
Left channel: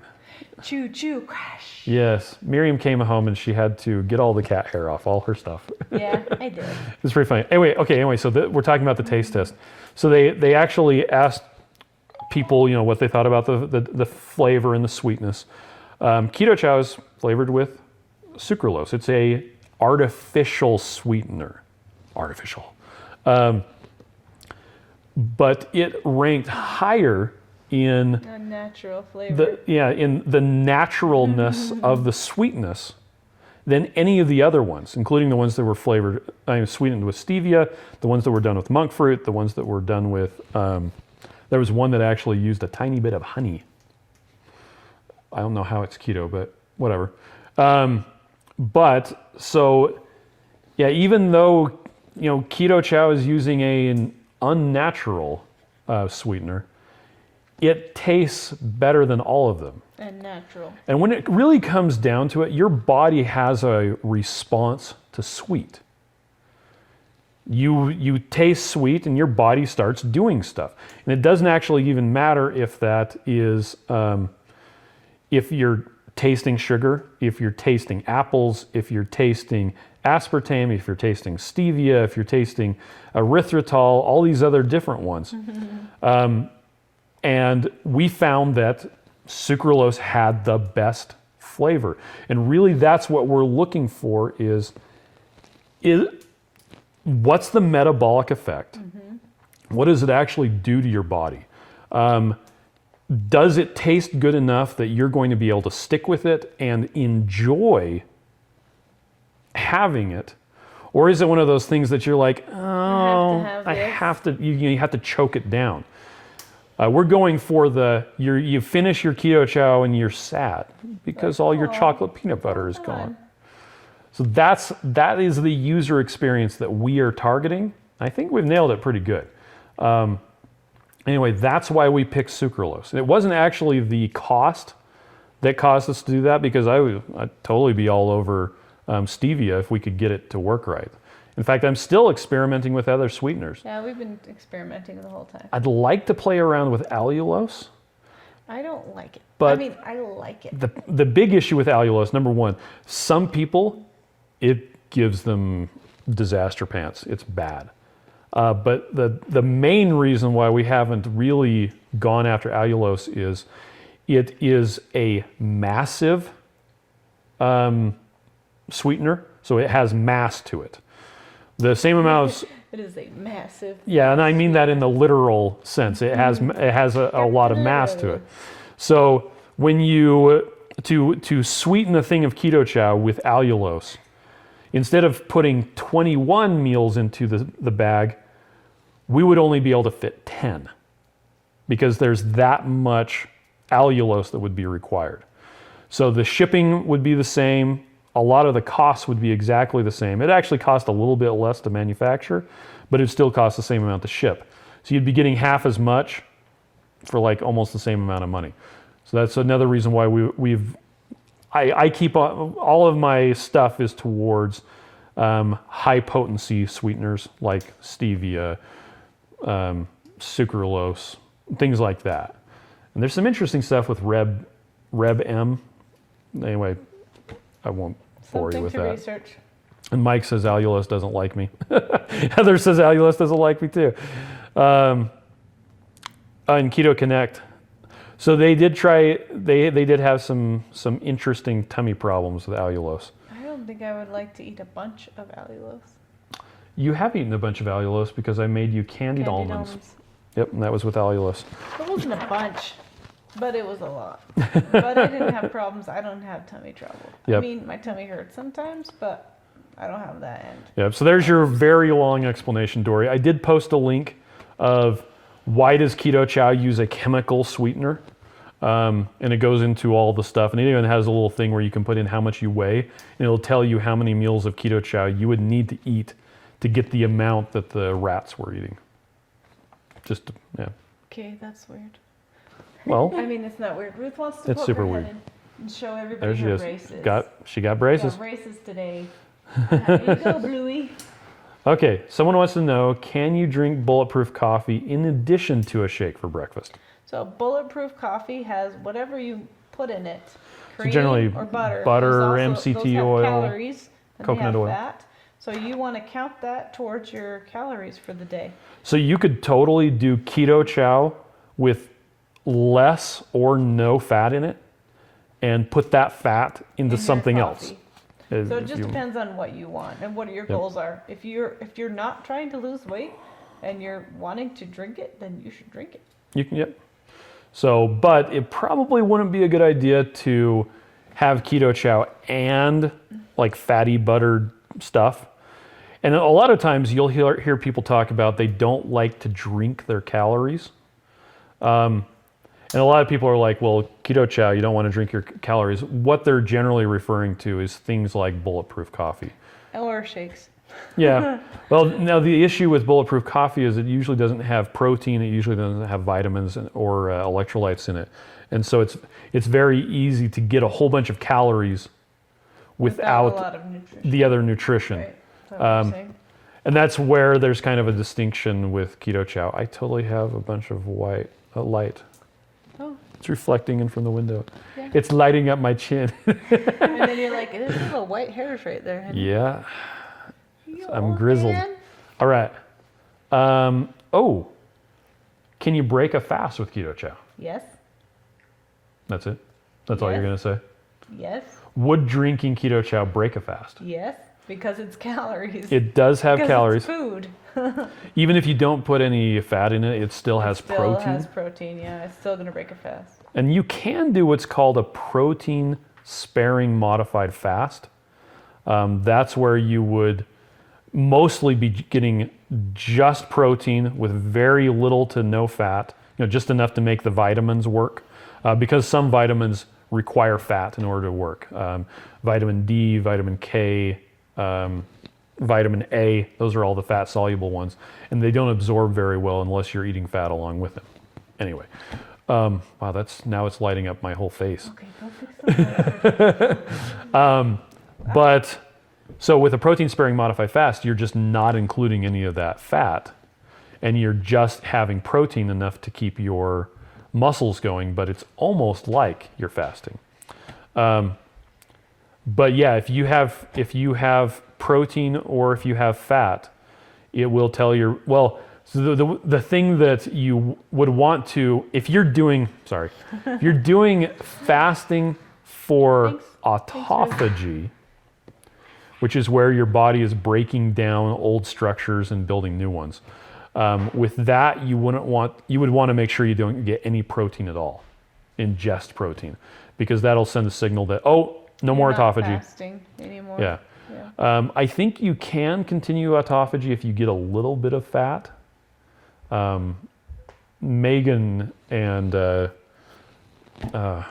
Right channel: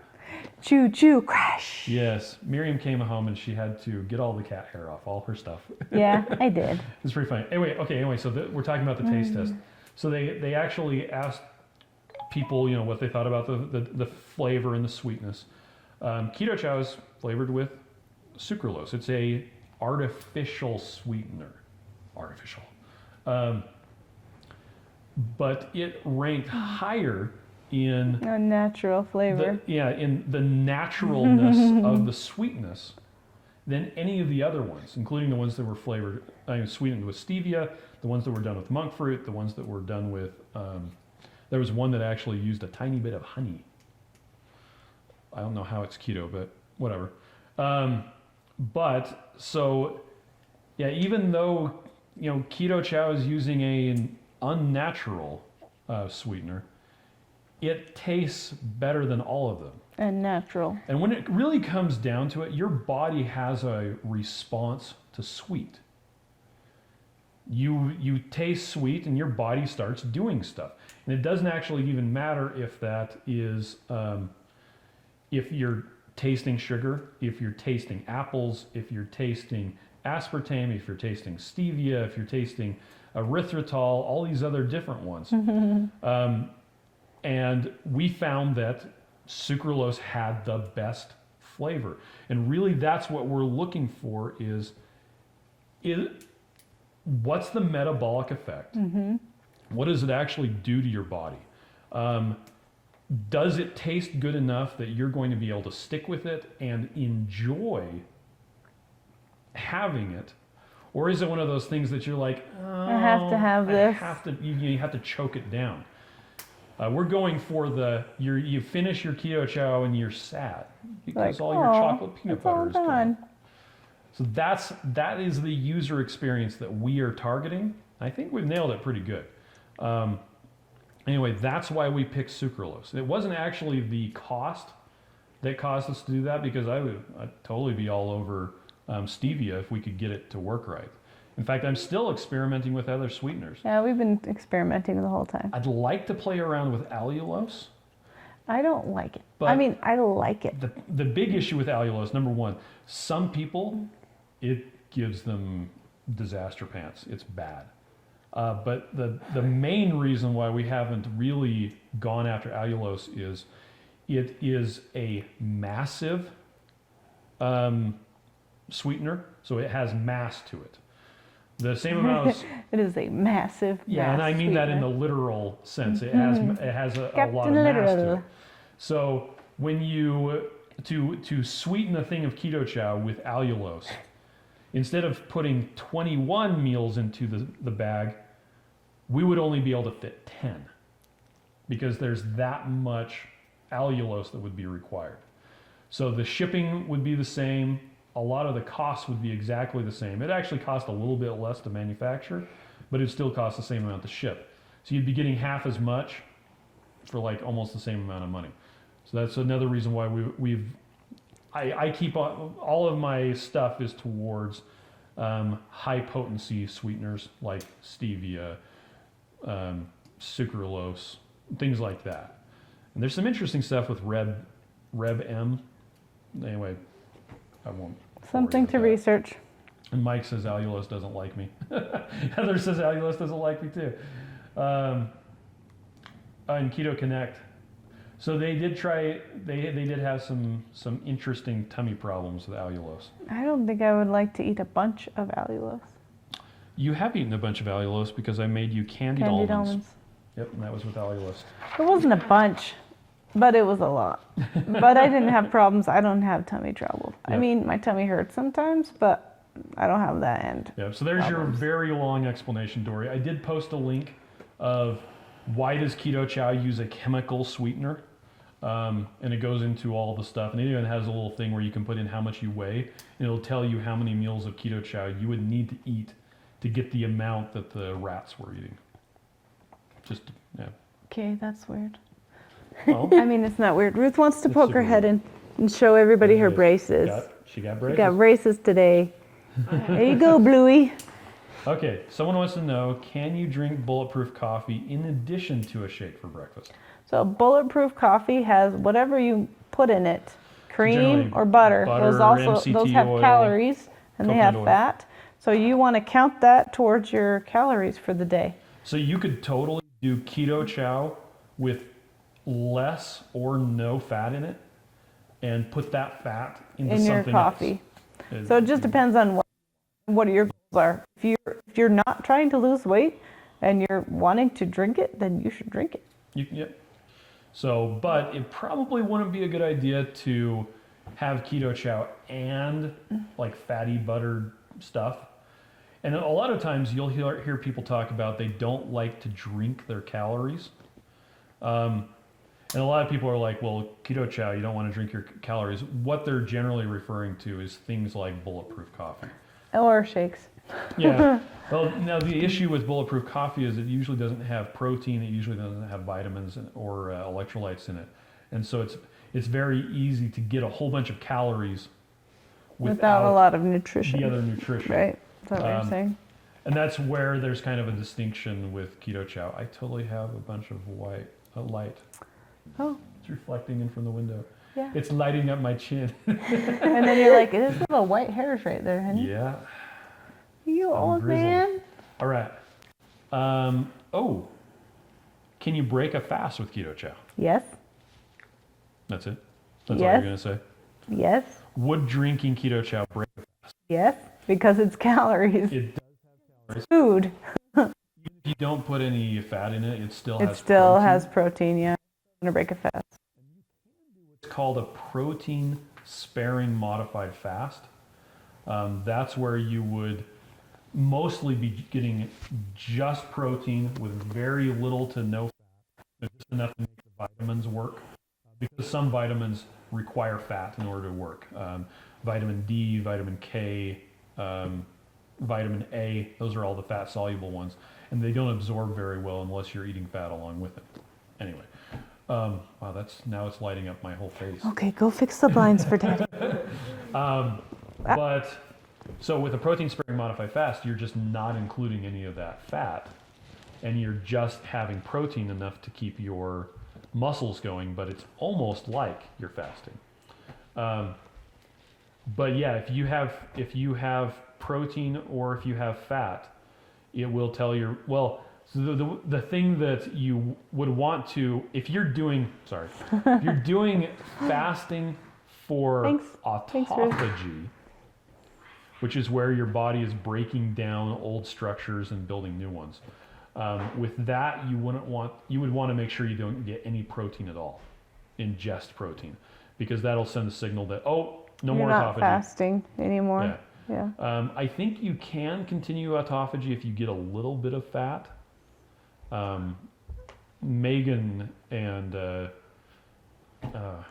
Choo choo crash. Yes, Miriam came home and she had to get all the cat hair off all her stuff. Yeah, I did. It's pretty funny. Anyway, so we're talking about the taste test. So they actually asked people, what they thought about the flavor and the sweetness. Keto chow is flavored with sucralose. It's a artificial sweetener. Artificial. But it ranked higher in A natural flavor. in the naturalness of the sweetness than any of the other ones, including the ones that were sweetened with stevia, the ones that were done with monk fruit, the ones that were done with, there was one that actually used a tiny bit of honey. I don't know how it's keto, but whatever. Even though, keto chow is using an unnatural sweetener, it tastes better than all of them. And natural. And when it really comes down to it, your body has a response to sweet. You taste sweet and your body starts doing stuff. And it doesn't actually even matter if that is, if you're tasting sugar, if you're tasting apples, if you're tasting aspartame, if you're tasting stevia, if you're tasting erythritol, all these other different ones. And we found that sucralose had the best flavor. And really that's what we're looking for is what's the metabolic effect? What does it actually do to your body? Does it taste good enough that you're going to be able to stick with it and enjoy having it? Or is it one of those things that you're like, oh, you have to choke it down? We're going for you finish your keto chow and you're sad because all your chocolate peanut butter is gone. So that is the user experience that we are targeting. I think we've nailed it pretty good. Anyway, that's why we picked sucralose. It wasn't actually the cost that caused us to do that, because I'd totally be all over stevia if we could get it to work right. In fact, I'm still experimenting with other sweeteners. Yeah, we've been experimenting the whole time. I'd like to play around with allulose, I don't like it. I But- mean, I like it. The big issue with allulose, number one, some people, it gives them disaster pants. It's bad. But the main reason why we haven't really gone after allulose is it is a massive sweetener, so it has mass to it. The same amount of, It is a massive. yeah, and I mean that in the literal sense. It has a lot of mass to it. So when you to sweeten a thing of keto chow with allulose, instead of putting 21 meals into the bag, we would only be able to fit 10 because there's that much allulose that would be required. So the shipping would be the same. A lot of the costs would be exactly the same. It actually cost a little bit less to manufacture, but it still costs the same amount to ship. So you'd be getting half as much for like almost the same amount of money. So that's another reason why I keep on, all of my stuff is towards high potency sweeteners like stevia, sucralose, things like that. And there's some interesting stuff with Reb M. Anyway, I won't bore you Something with to that. research. And Mike says allulose doesn't like me. Heather says allulose doesn't like me too. And Keto Connect. So they did try, they did have some interesting tummy problems with allulose. I don't think I would like to eat a bunch of allulose. You have eaten a bunch of allulose because I made you candied Candied almonds. almonds. Yep, and that was with allulose. It wasn't a bunch, but it was a lot. But I didn't have problems. I don't have tummy trouble. I Yep. mean, my tummy hurts sometimes, but I don't have that end. Yep, so there's your very long explanation, Dory. I did post a link of why does Keto Chow use a chemical sweetener? And it goes into all the stuff, and it even has a little thing where you can put in how much you weigh, and it'll tell you how many meals of Keto Chow you would need to eat to get the amount that the rats were eating. Just, yeah. Okay, that's weird. Well, I mean, it's not weird. Ruth wants to It's poke her super head weird. in and show everybody there her she is. braces. She got We braces. got braces today. There you go, Bluey. Okay, someone wants to know, can you drink bulletproof coffee in addition to a shake for breakfast? So bulletproof coffee has whatever you put in it, generally cream or butter. butter, those MCT have oil, calories and they coconut have oil. fat. So you want to count that towards your calories for the day. So you could totally do Keto Chow with less or no fat in it and put that fat into In your something else. coffee. If So it just you- depends on what you want and what your goals are. If you're not trying to lose weight and you're wanting to drink it, then you should drink it. You can, yep. So, but it probably wouldn't be a good idea to have Keto Chow and like fatty buttered stuff. And a lot of times you'll hear people talk about they don't like to drink their calories. And a lot of people are like, well, Keto Chow, you don't want to drink your calories. What they're generally referring to is things like bulletproof coffee. Or shakes. Yeah. Well, now the issue with bulletproof coffee is it usually doesn't have protein. It usually doesn't have vitamins or electrolytes in it, and so it's very easy to get a whole bunch of calories Without a without lot of nutrition. the other nutrition. Right. Is that what you're saying? And that's where there's kind of a distinction with Keto Chow. I totally have a bunch of white light. Oh. It's reflecting in from the window. Yeah. It's lighting up my chin. And then you're like, it is little white hairs right there. Honey. Yeah. You I'm old grizzled. man. All right. Can you break a fast with Keto Chow? Yes. That's it? That's all you're Yes. going to say? Yes. Would drinking Keto Chow break a fast? Yes. Because it's calories. It does have Because calories. It's food. Even if you don't put any fat in it, it still has It still protein. has protein. Yeah. It's still gonna break a fast. And you can do what's called a protein sparing modified fast. That's where you would mostly be getting just protein with very little to no fat, just enough to make the vitamins work, because some vitamins require fat in order to work. Vitamin D, vitamin K, vitamin A, those are all the fat soluble ones, and they don't absorb very well unless you're eating fat along with them. Anyway, wow, now it's lighting up my whole face. Okay, go fix the blinds for Daddy. But so with a protein sparing modified fast, you're just not including any of that fat, and you're just having protein enough to keep your muscles going, but it's almost like you're fasting. But yeah, if you have protein or if you have fat, it will tell your, well, so the thing that you would want to, if you're doing fasting for Thanks. autophagy, which is where your body is breaking down old structures and building new ones. With that, you would want to make sure you don't get any protein at all, ingest protein, because that'll send a signal that, oh, no more You're not autophagy. fasting anymore. Yeah. Yeah. I think you can continue autophagy if you get a little bit of fat. Megan and The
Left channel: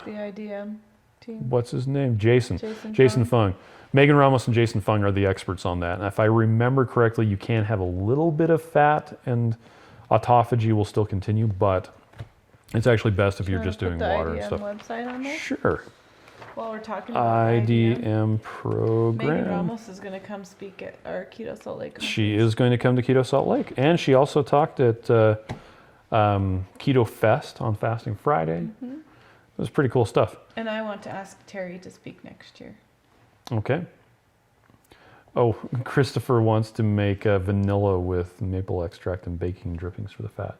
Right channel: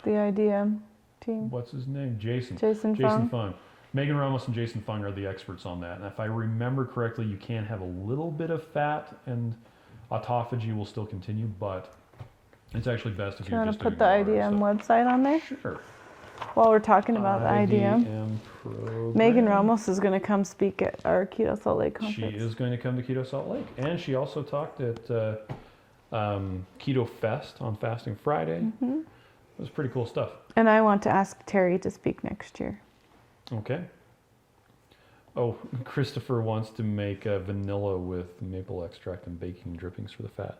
IDM team. what's his name? Jason Jason Fung. Megan Ramos and Jason Fung are the experts on that. And if I remember correctly, you can have a little bit of fat and autophagy will still continue, but it's actually best if you're just doing put the water and IDM stuff. website on there Sure. while we're talking about IDM. IDM program. Megan Ramos is going to come speak at our Keto Salt Lake conference. She is going to come to Keto Salt Lake. And she also talked at Keto Fest on Fasting Friday. Mm-hmm. It was pretty cool stuff. And I want to ask Terry to speak next year. Okay. Oh, Christopher wants to make vanilla with maple extract and baking drippings for the fat.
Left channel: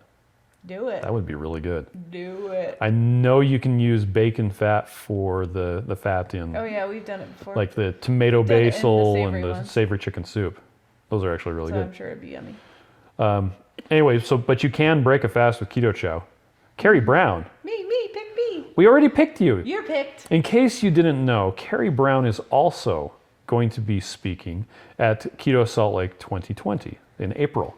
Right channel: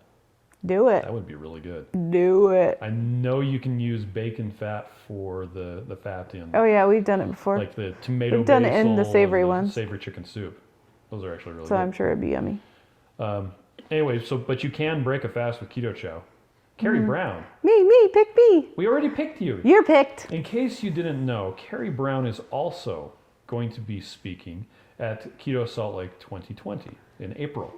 Do it. That would be really good. Do it. I know you can use bacon fat for the fat in, Oh yeah, we've done it before. like the tomato We've done it in the basil savory and the ones. savory chicken soup. Those are actually really so good. I'm sure it'd be yummy. Anyway, but you can break a fast with Keto Chow. Carrie Mm-hmm. Brown, Me, pick me. we already picked you. You're picked. In case you didn't know, Carrie Brown is also going to be speaking at Keto Salt Lake 2020 in April.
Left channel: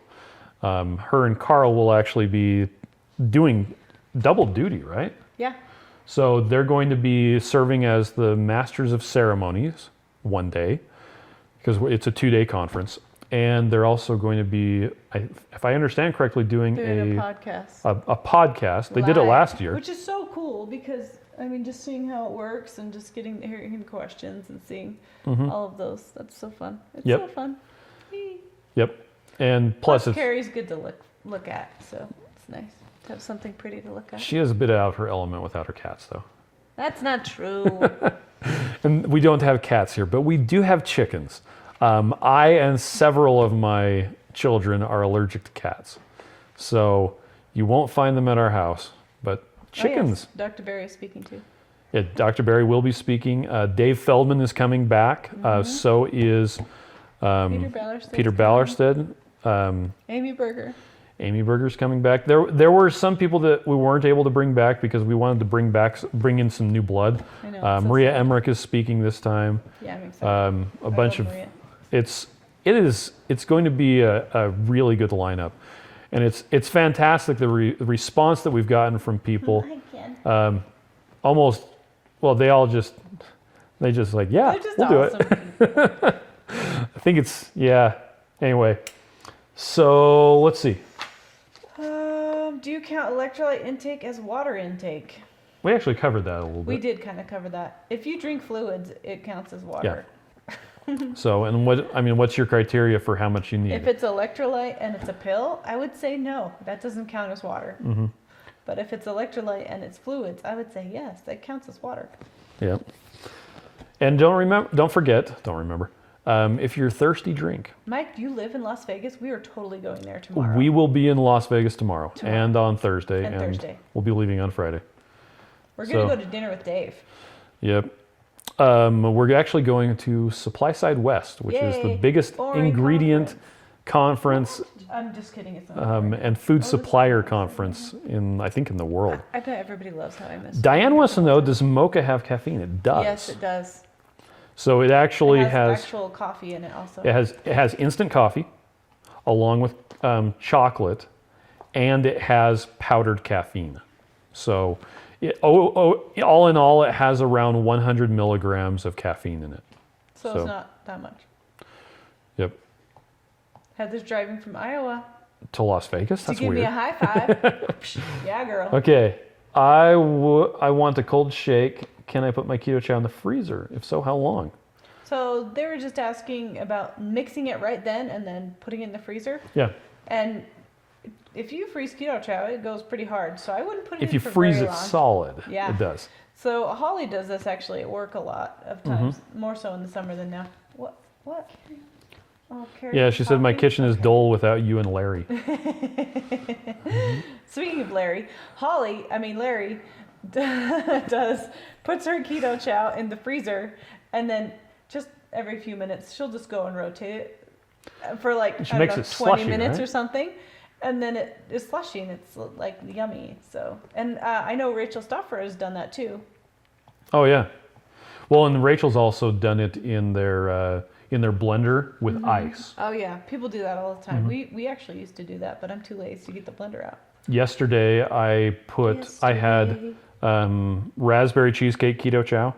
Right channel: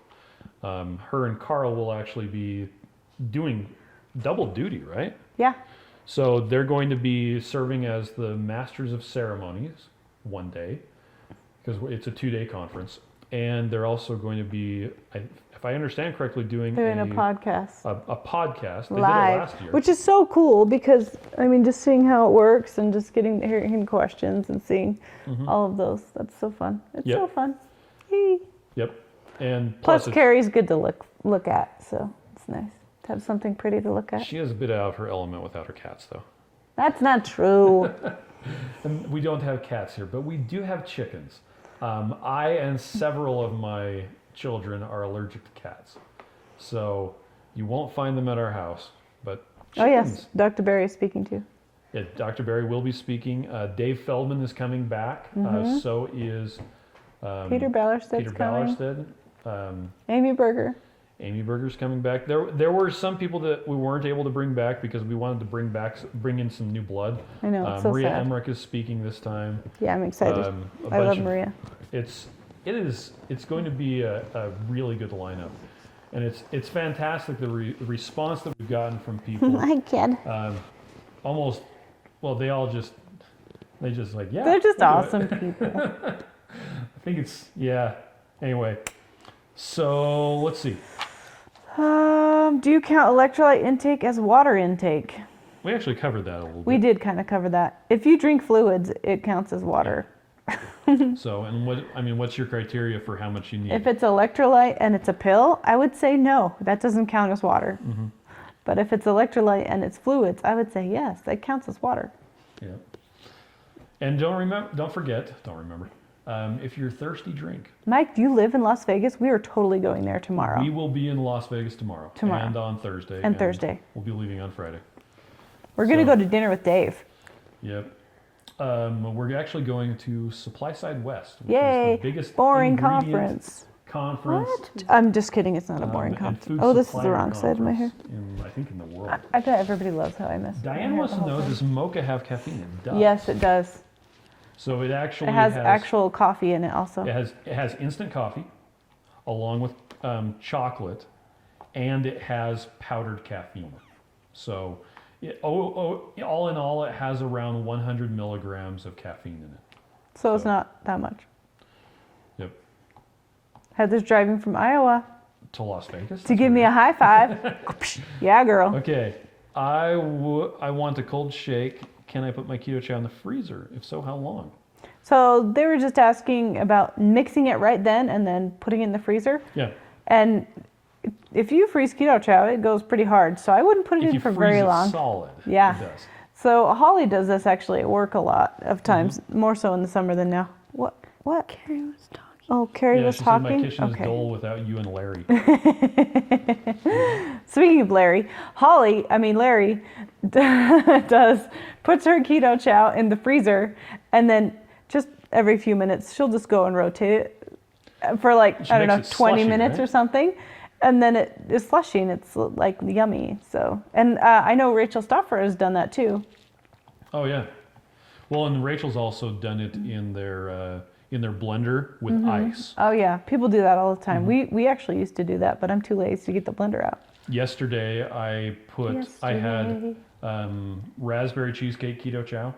Her and Carl will actually be doing double duty, right? Yeah. So they're going to be serving as the masters of ceremonies one day, because it's a 2-day conference. And they're also going to be, if I understand correctly, doing a podcast. A podcast. They did it Live, last year. Which is so cool because, I mean, just seeing how it works and just hearing questions and seeing all of those. That's so fun. It's Yep. so fun. Yay. Yep. And Plus, plus, Carrie's good to look at, so it's nice to have something pretty to look at. she is a bit out of her element without her cats, though. That's not true. And we don't have cats here, but we do have chickens. I and several of my children are allergic to cats. So you won't find them at our house, but chickens. Oh, yes. Dr. Barry is speaking too. Yeah, Dr. Barry will be speaking. Dave Feldman is coming back. So is Peter Ballerstedt. Peter Ballerstedt. Amy Berger. Amy Berger's coming back. There were some people that we weren't able to bring back because we wanted to bring in some new blood. I know. It's so Maria sad. Emmerich is speaking this time. Yeah, I'm excited. A I bunch love of Maria. it's going to be a really good lineup, and it's fantastic the response that we've gotten from people. Hi, kid. Almost, well, they just like, yeah, They're just we'll do awesome it. people. I think it's, yeah. Anyway, so let's see. Do you count electrolyte intake as water intake? We actually covered that a little We bit. did kind of cover that. If you drink fluids, it counts as water. So, and what's your criteria for how much you need? If it's electrolyte and it's a pill, I would say no. That doesn't count as water. Mm-hmm. But if it's electrolyte and it's fluids, I would say yes, that counts as water. Yeah. And don't forget, if you're thirsty, drink. Mike, do you live in Las Vegas? We are totally going there tomorrow. We will be in Las Vegas tomorrow. And on Thursday. And Thursday. We'll be leaving on Friday. We're going to So- go to dinner with Dave. Yep. We're actually going to Supply Side West, which is the Yay. biggest Boring ingredient conference I'm just kidding. It's not a boring and conference. food Oh, this is the supplier wrong side of my conference in the world. I bet everybody loves how I missed. Diane wants to know, does mocha have caffeine? It does. Yes, it does. So it actually It has actual coffee in it also. it has instant coffee along with chocolate, and it has powdered caffeine. So all in all, it has around 100 milligrams of caffeine in it. So it's so- not that much. Yep. Heather's driving from Iowa To Las Vegas. to That's give me a weird. high five. Yeah, girl. Okay. I want a cold shake. Can I put my Keto Chow in the freezer? If so, how long? So they were just asking about mixing it right then and then putting it in the freezer. Yeah. And if you freeze keto chow, it goes pretty hard. So I wouldn't put it If in you for freeze very it long. solid, Yeah. it does. So Holly does this actually at work a lot of times, more so in the summer than now. What? Carrie was talking. Oh, Carrie Yeah, was she said my talking? kitchen is Okay. dull without you and Larry. Speaking of Larry, Larry puts her keto chow in the freezer, and then just every few minutes she'll just go and rotate it for like, She I don't makes know, it 20 slushy, minutes right? or something, and then it is slushy and it's like yummy. So, and I know Rachel Stoffer has done that too. Oh yeah. Well, and Rachel's also done it in their blender with ice. Oh yeah, people do that all the time. Mm-hmm. We actually used to do that, but I'm too lazy to get the blender out. Yesterday, I had raspberry cheesecake keto chow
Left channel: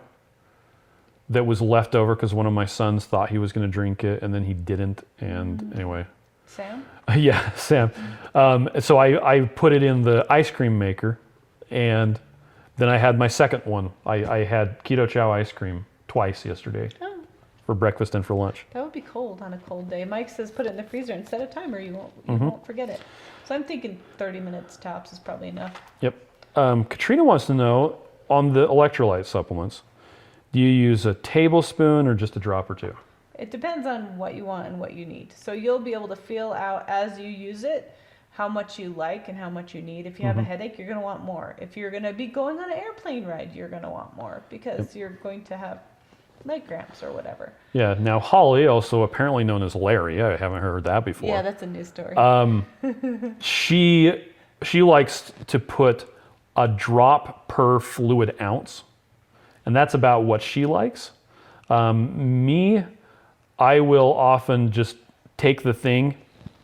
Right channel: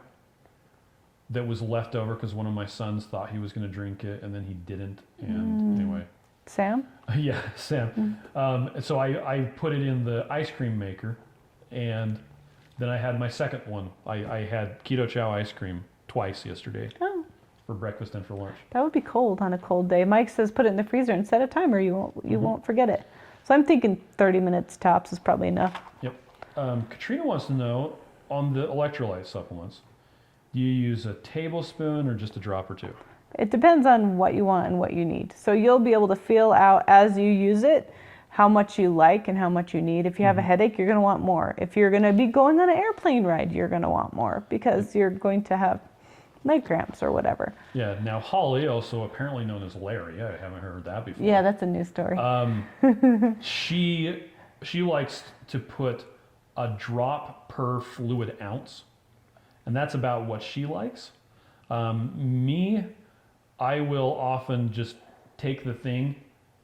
that was left over because one of my sons thought he was going to drink it and then he didn't. And anyway, Sam? yeah, Sam. So I put it in the ice cream maker, and then I had my second one. I had keto chow ice cream twice yesterday Oh, for breakfast and for lunch. that would be cold on a cold day. Mike says put it in the freezer and set a timer. You won't forget it. So I'm thinking 30 minutes tops is probably enough. Yep. Katrina wants to know, on the electrolyte supplements, do you use a tablespoon or just a drop or two? It depends on what you want and what you need. So you'll be able to feel out as you use it how much you like and how much you need. If you have a headache, you're going to want more. If you're going to be going on an airplane ride, you're going to want more because you're going to have night cramps or whatever. Yeah. Now, Holly, also apparently known as Larry, I haven't heard that before. Yeah, that's a new story. She likes to put a drop per fluid ounce, and that's about what she likes. Me, I will often just take the thing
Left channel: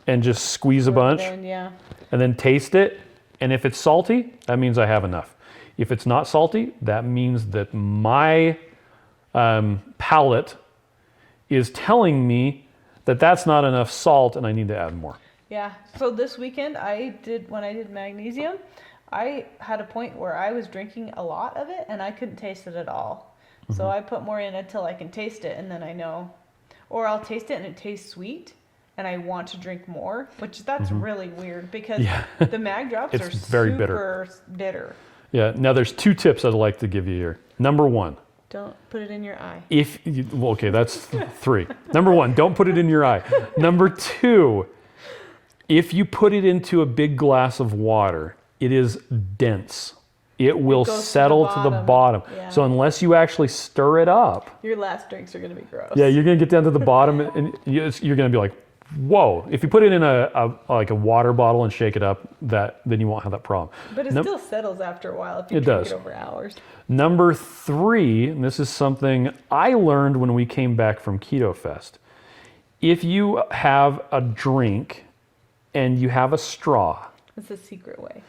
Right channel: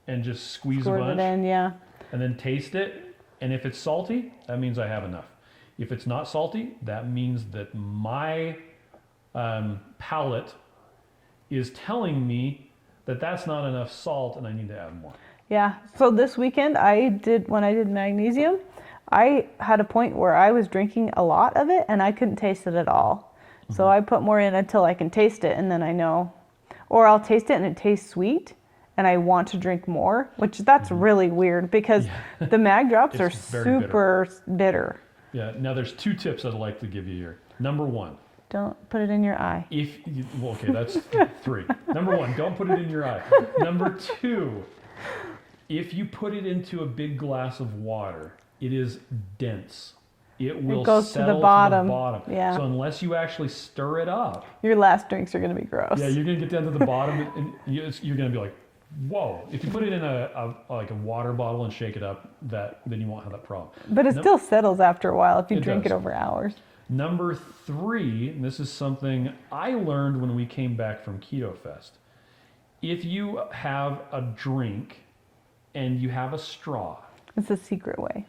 and just squeeze a Pour it bunch in, yeah. and then taste it. And if it's salty, that means I have enough. If it's not salty, that means that my palate is telling me that that's not enough salt and I need to add more. Yeah. So this weekend when I did magnesium, I had a point where I was drinking a lot of it and I couldn't taste it at all. So I put more in until I can taste it, and then I know. Or I'll taste it and it tastes sweet and I want to drink more, which that's really weird because the mag drops are It's very super bitter. Yeah. Now there's 2 tips I'd like to give you here. Number 1, Don't put it in your eye. okay, that's 3. Number 1, don't put it in your eye. Number 2, if you put it into a big glass of water, it is dense. It will goes to the settle to the bottom. Yeah. So unless you actually stir it up, Your last drinks are going to be gross. yeah, you're gonna get down to the bottom and you're gonna be like, whoa. If you put it in a water bottle and shake it up, then you won't have that problem. But it still settles after a while if you It drink does. it over hours. Number 3, and this is something I learned when we came back from Keto Fest. If you have a drink and you have a straw, It's a secret way.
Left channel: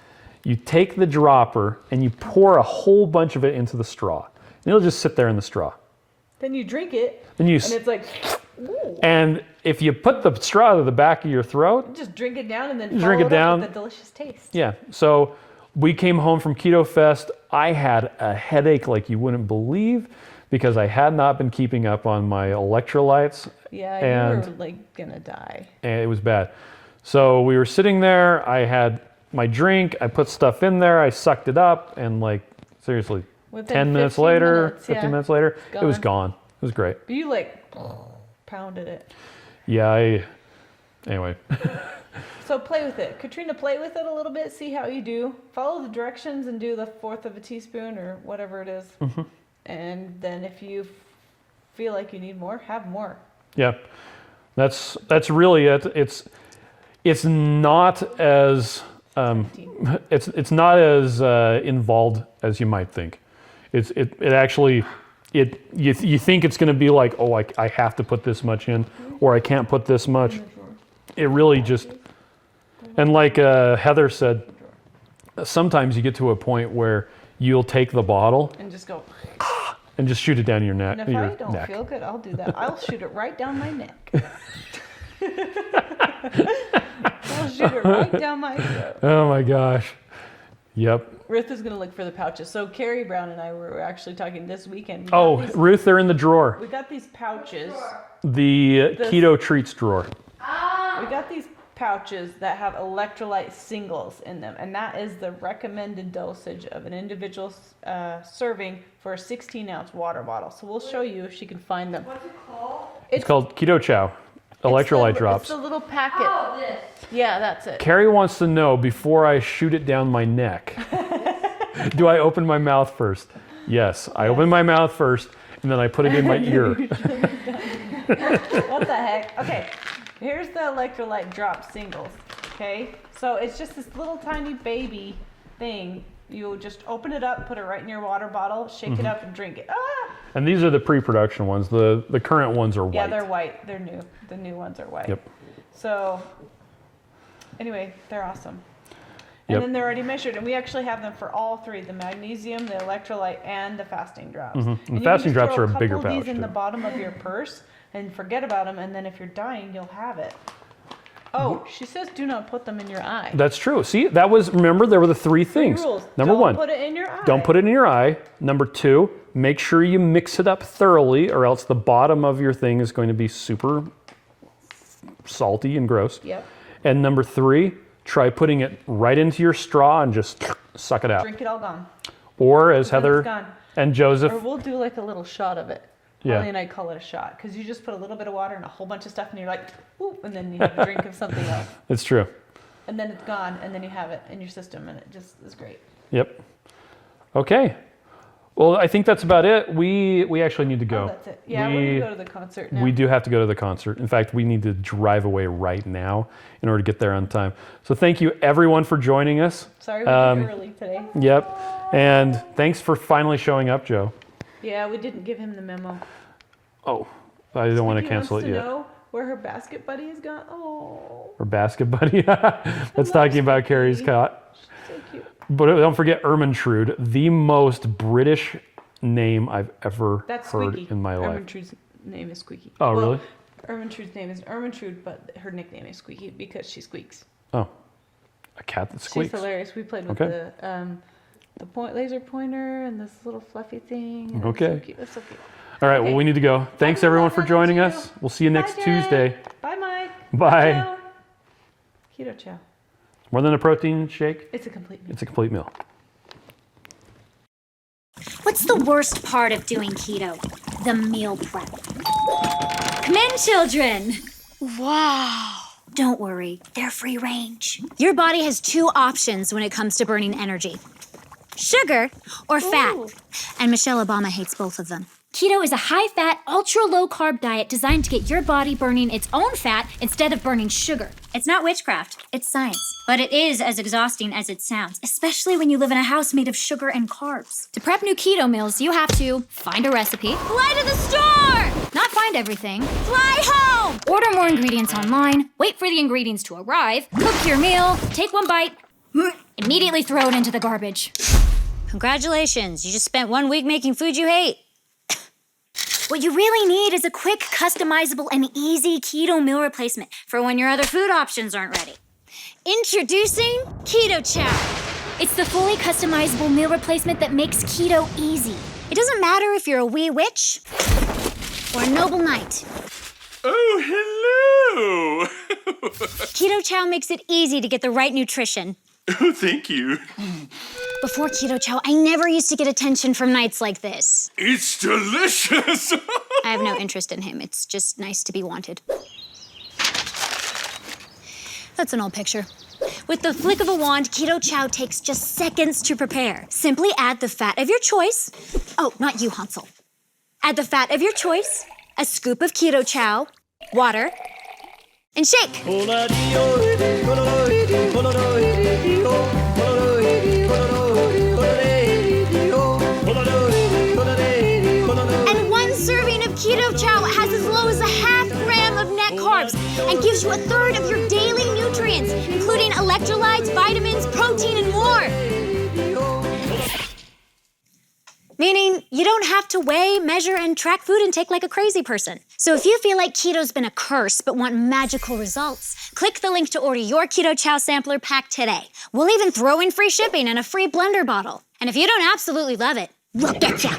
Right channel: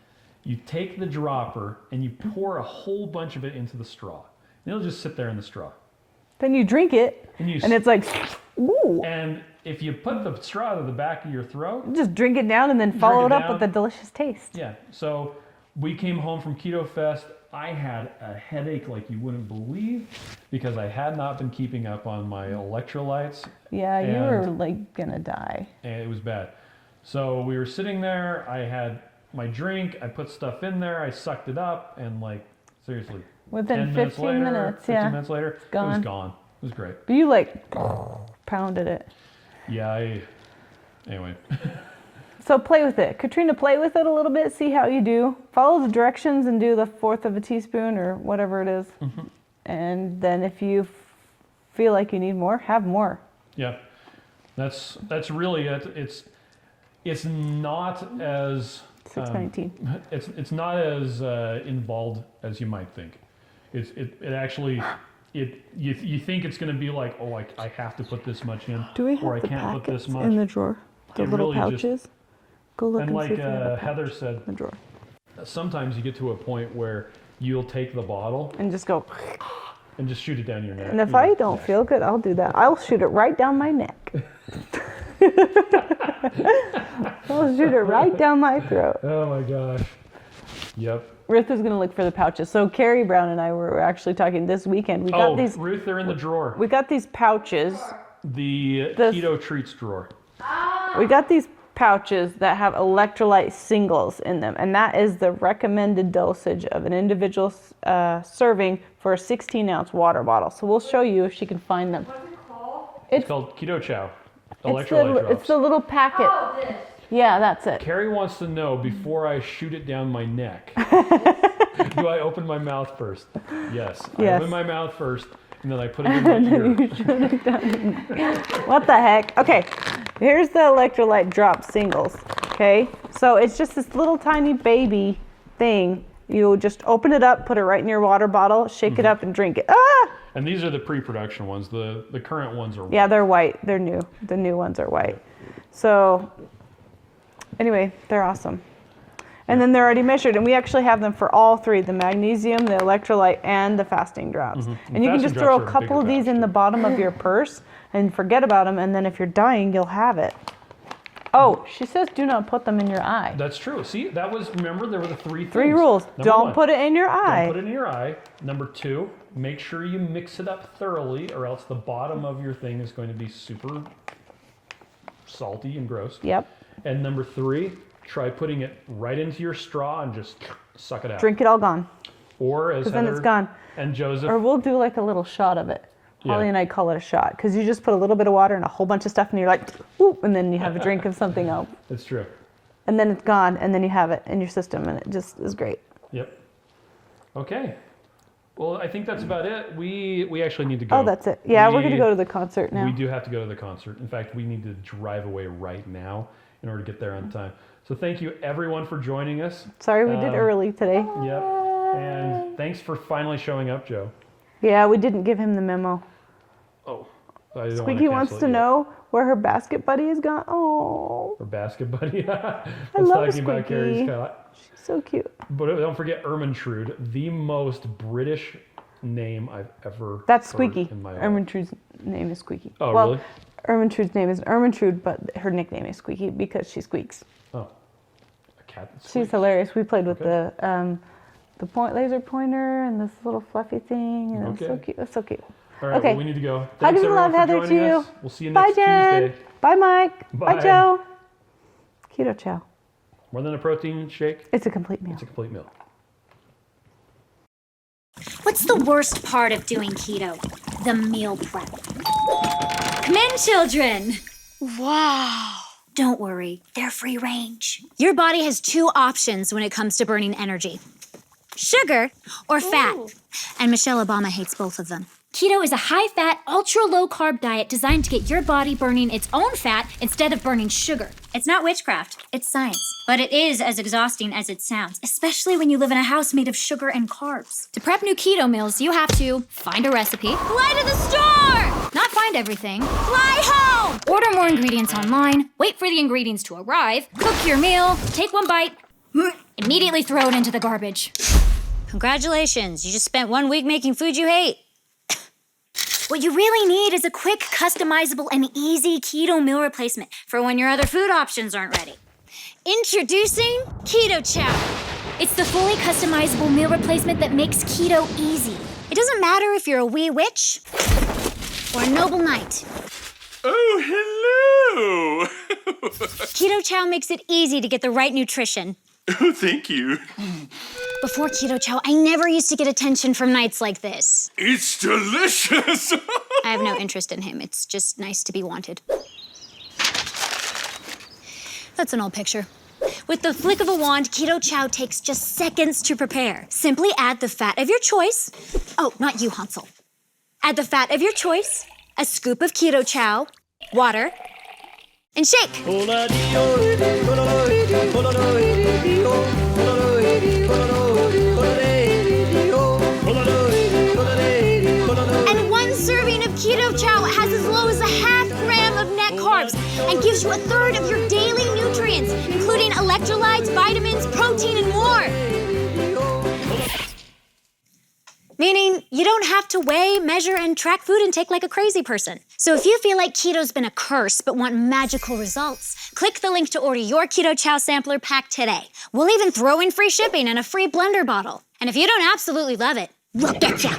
you take the dropper and you pour a whole bunch of it into the straw. And it'll just sit there in the straw. Then you drink it, And and it's like, ooh. and if you put the straw to the back of your throat, Just drink it down and then Drink follow it it up down. with a delicious taste. yeah. So we came home from Keto Fest. I had a headache like you wouldn't believe because I had not been keeping up on my electrolytes. Yeah, And- you were like gonna die. And it was bad. So we were sitting there. I had my drink. I put stuff in there. I sucked it up, and like seriously, Within 10 minutes 15 later, minutes, 15 yeah. minutes later, it was Gone. gone. It was great. But you like pounded it. Yeah. Anyway, So play with it. Katrina, play with it a little bit. See how you do. Follow the directions and do the 1/4 of a teaspoon or whatever it is. And then if you feel like you need more, have more. yeah, that's really it. It's not as 619. it's not as involved as you might think. It actually you think it's going to be like, oh, I have to put this much in, or I can't put this much. in the drawer? It really just and like Heather said, the drawer sometimes you get to a point where you'll take the bottle and just go. and just shoot it down your neck. And if your I don't neck. feel good, I'll do that. I'll shoot it right down my neck. I'll shoot it right down my throat. Oh my gosh. Yep. Ruth is gonna look for the pouches. So Carrie Brown and I were actually talking this weekend. We got Oh, these. Ruth, they're in the drawer. We got these pouches. The keto treats drawer. We got these pouches that have electrolyte singles in them, and that is the recommended dosage of an individual serving for a 16-ounce water bottle. So we'll show you if she can find them. What's it called? It's called Keto Chow. Electrolyte drops. It's the little packet. Oh, this. Yeah, that's it. Carrie wants to know before I shoot it down my neck. Do I open my mouth first? Yes. I open my mouth first, and then I put it in my ear. What the heck? Okay, here's the electrolyte drop singles. Okay, so it's just this little tiny baby thing. You just open it up, put it right in your water bottle, shake it up, and drink it. Ah! And these are the pre-production ones. The current ones are white. Yeah, they're white. They're new. The new ones are white. Yep. So anyway, they're awesome. And then they're already measured, and we actually have them for all three: the magnesium, the electrolyte, and the fasting drops. And you can just throw a couple of these in the bottom of your purse and forget about them, and then if you're dying, you'll have it. Oh, she says do not put them in your eye. That's true. See, that was, remember, there were the three things. 3 rules. Number Don't one, put it in your eye. don't put it in your eye. Number 2, make sure you mix it up thoroughly, or else the bottom of your thing is going to be super salty and gross. Yep. And number 3, try putting it right into your straw and just suck it out. Drink it all gone. Or as Then it's Heather gone. and Joseph, Or we'll do like a little shot of it. Yeah. Holly and I call it a shot because you just put a little bit of water and a whole bunch of stuff, and you're like, ooh, and then you have a drink of something else. it's true. And then it's gone, and then you have it in your system, and it just is great. Yep. Okay. Well, I think that's about it. We actually need to go. Oh, that's it. Yeah, we're going to go to the concert now. We do have to go to the concert. In fact, we need to drive away right now in order to get there on time. So thank you everyone for joining us. Sorry we did early today. Yep. And thanks for finally showing up, Joe. Yeah, we didn't give him the memo. Oh, I don't want to He cancel wants it to yet. know where her basket buddy is gone. Oh, Or basket buddy. That's love talking about Squeaky. Carrie's cat. so cute. But don't forget Ermintrude, the most British name I've ever That's heard Squeaky. in my life. Ermintrude's name is Squeaky. Oh, well, really? Ermintrude's name is Ermintrude, but her nickname is Squeaky because she squeaks. Oh, a cat that squeaks. She's hilarious. We played with Okay. the laser pointer and this little fluffy thing. And It's so Okay. cute. It's so cute. All right, Okay. well, we need to go. Thanks, Heather, everyone, for Heather, joining to you. us. We'll see you next Bye, Jen. Tuesday. Bye, Mike. Bye. Joe. Keto Chow. More than a protein shake, It's a complete meal. it's a complete meal. What's the worst part of doing keto? The meal prep. Come in, children. Wow. Don't worry, they're free range. Your body has 2 options when it comes to burning energy: sugar or fat. And Michelle Obama hates both of them. Keto is a high-fat, ultra-low-carb diet designed to get your body burning its own fat instead of burning sugar. It's not witchcraft, it's science. But it is as exhausting as it sounds, especially when you live in a house made of sugar and carbs. To prep new keto meals, you have to find a recipe, fly to the store, not find everything, fly home, order more ingredients online, wait for the ingredients to arrive, cook your meal, take one bite, immediately throw it into the garbage. Congratulations, you just spent 1 week making food you hate. What you really need is a quick, customizable, and easy keto meal replacement for when your other food options aren't ready. Introducing Keto Chow. It's the fully customizable meal replacement that makes keto easy. It doesn't matter if you're a wee witch or a noble knight. Oh, hello! Keto Chow makes it easy to get the right nutrition. Oh, thank you. Before Keto Chow, I never used to get attention from knights like this. It's delicious! I have no interest in him. It's just nice to be wanted. That's an old picture. With the flick of a wand, Keto Chow takes just seconds to prepare. Simply add the fat of your choice. Oh, not you, Hansel. Add the fat of your choice, a scoop of Keto Chow, water, and shake. And 1 serving of Keto Chow has as low as a half gram of net carbs and gives you a third of your daily nutrients, including electrolytes, vitamins, protein, and more. Meaning you don't have to weigh, measure, and track food intake like a crazy person. So if you feel like keto's been a curse but want magical results, click the link to order your Keto Chow sampler pack today. We'll even throw in free shipping and a free blender bottle. And if you don't absolutely love it, we'll get ya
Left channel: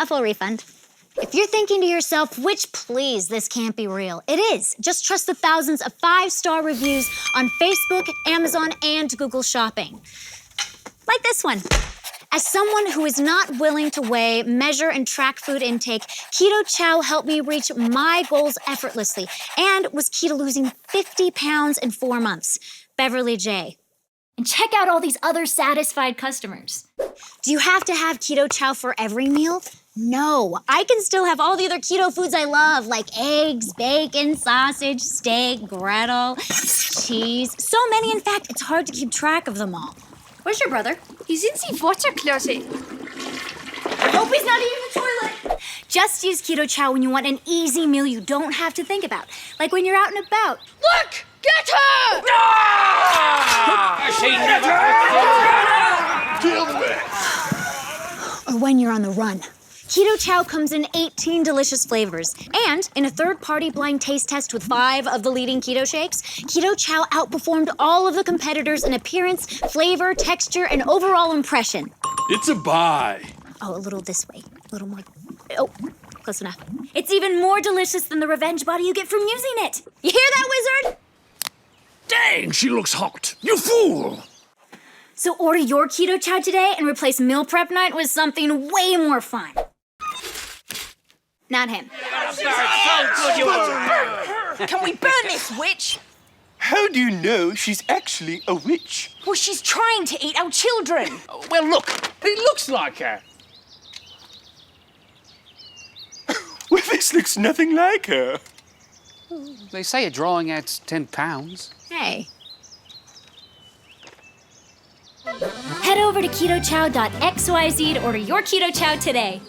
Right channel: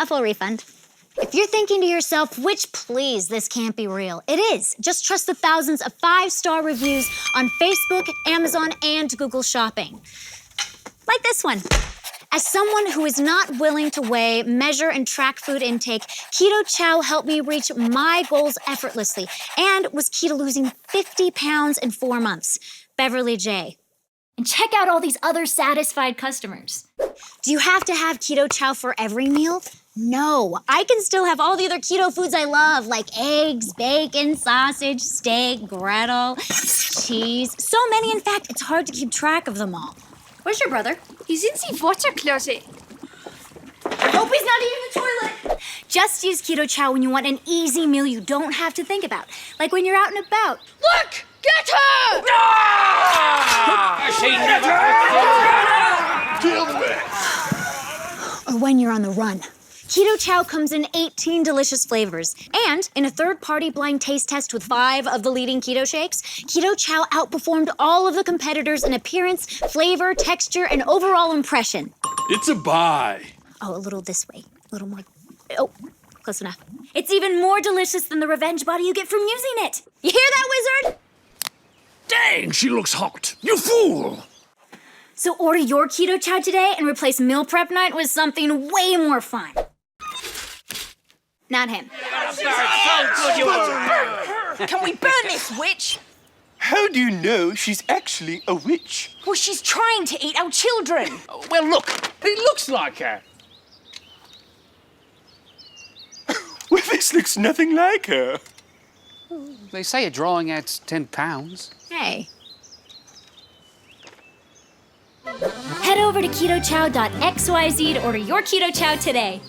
a full refund. If you're thinking to yourself, which please, this can't be real, it is. Just trust the thousands of 5-star reviews on Facebook, Amazon, and Google Shopping. Like this one. As someone who is not willing to weigh, measure, and track food intake, Keto Chow helped me reach my goals effortlessly and was key to losing 50 pounds in 4 months. Beverly J. And check out all these other satisfied customers. Do you have to have Keto Chow for every meal? No, I can still have all the other keto foods I love, like eggs, bacon, sausage, steak, Gretel, cheese. So many, in fact, it's hard to keep track of them all. Where's your brother? He's in the water closet. I hope he's not eating the toilet. Just use Keto Chow when you want an easy meal you don't have to think about, like when you're out and about. Look! Get her! Or when you're on the run. Keto Chow comes in 18 delicious flavors. And in a third-party blind taste test with 5 of the leading keto shakes, Keto Chow outperformed all of the competitors in appearance, flavor, texture, and overall impression. It's a buy. Oh, a little this way. A little more. Oh, close enough. It's even more delicious than the revenge body you get from using it. You hear that, wizard? Dang, she looks hot. You fool! So order your Keto Chow today and replace meal prep night with something way more fun. Not him. Can we burn this witch? How do you know she's actually a witch? Well, she's trying to eat our children. Well, look, it looks like her. Well, this looks nothing like her. They say a drawing adds 10 pounds. Hey. Head over to ketochow.xyz to order your Keto Chow today.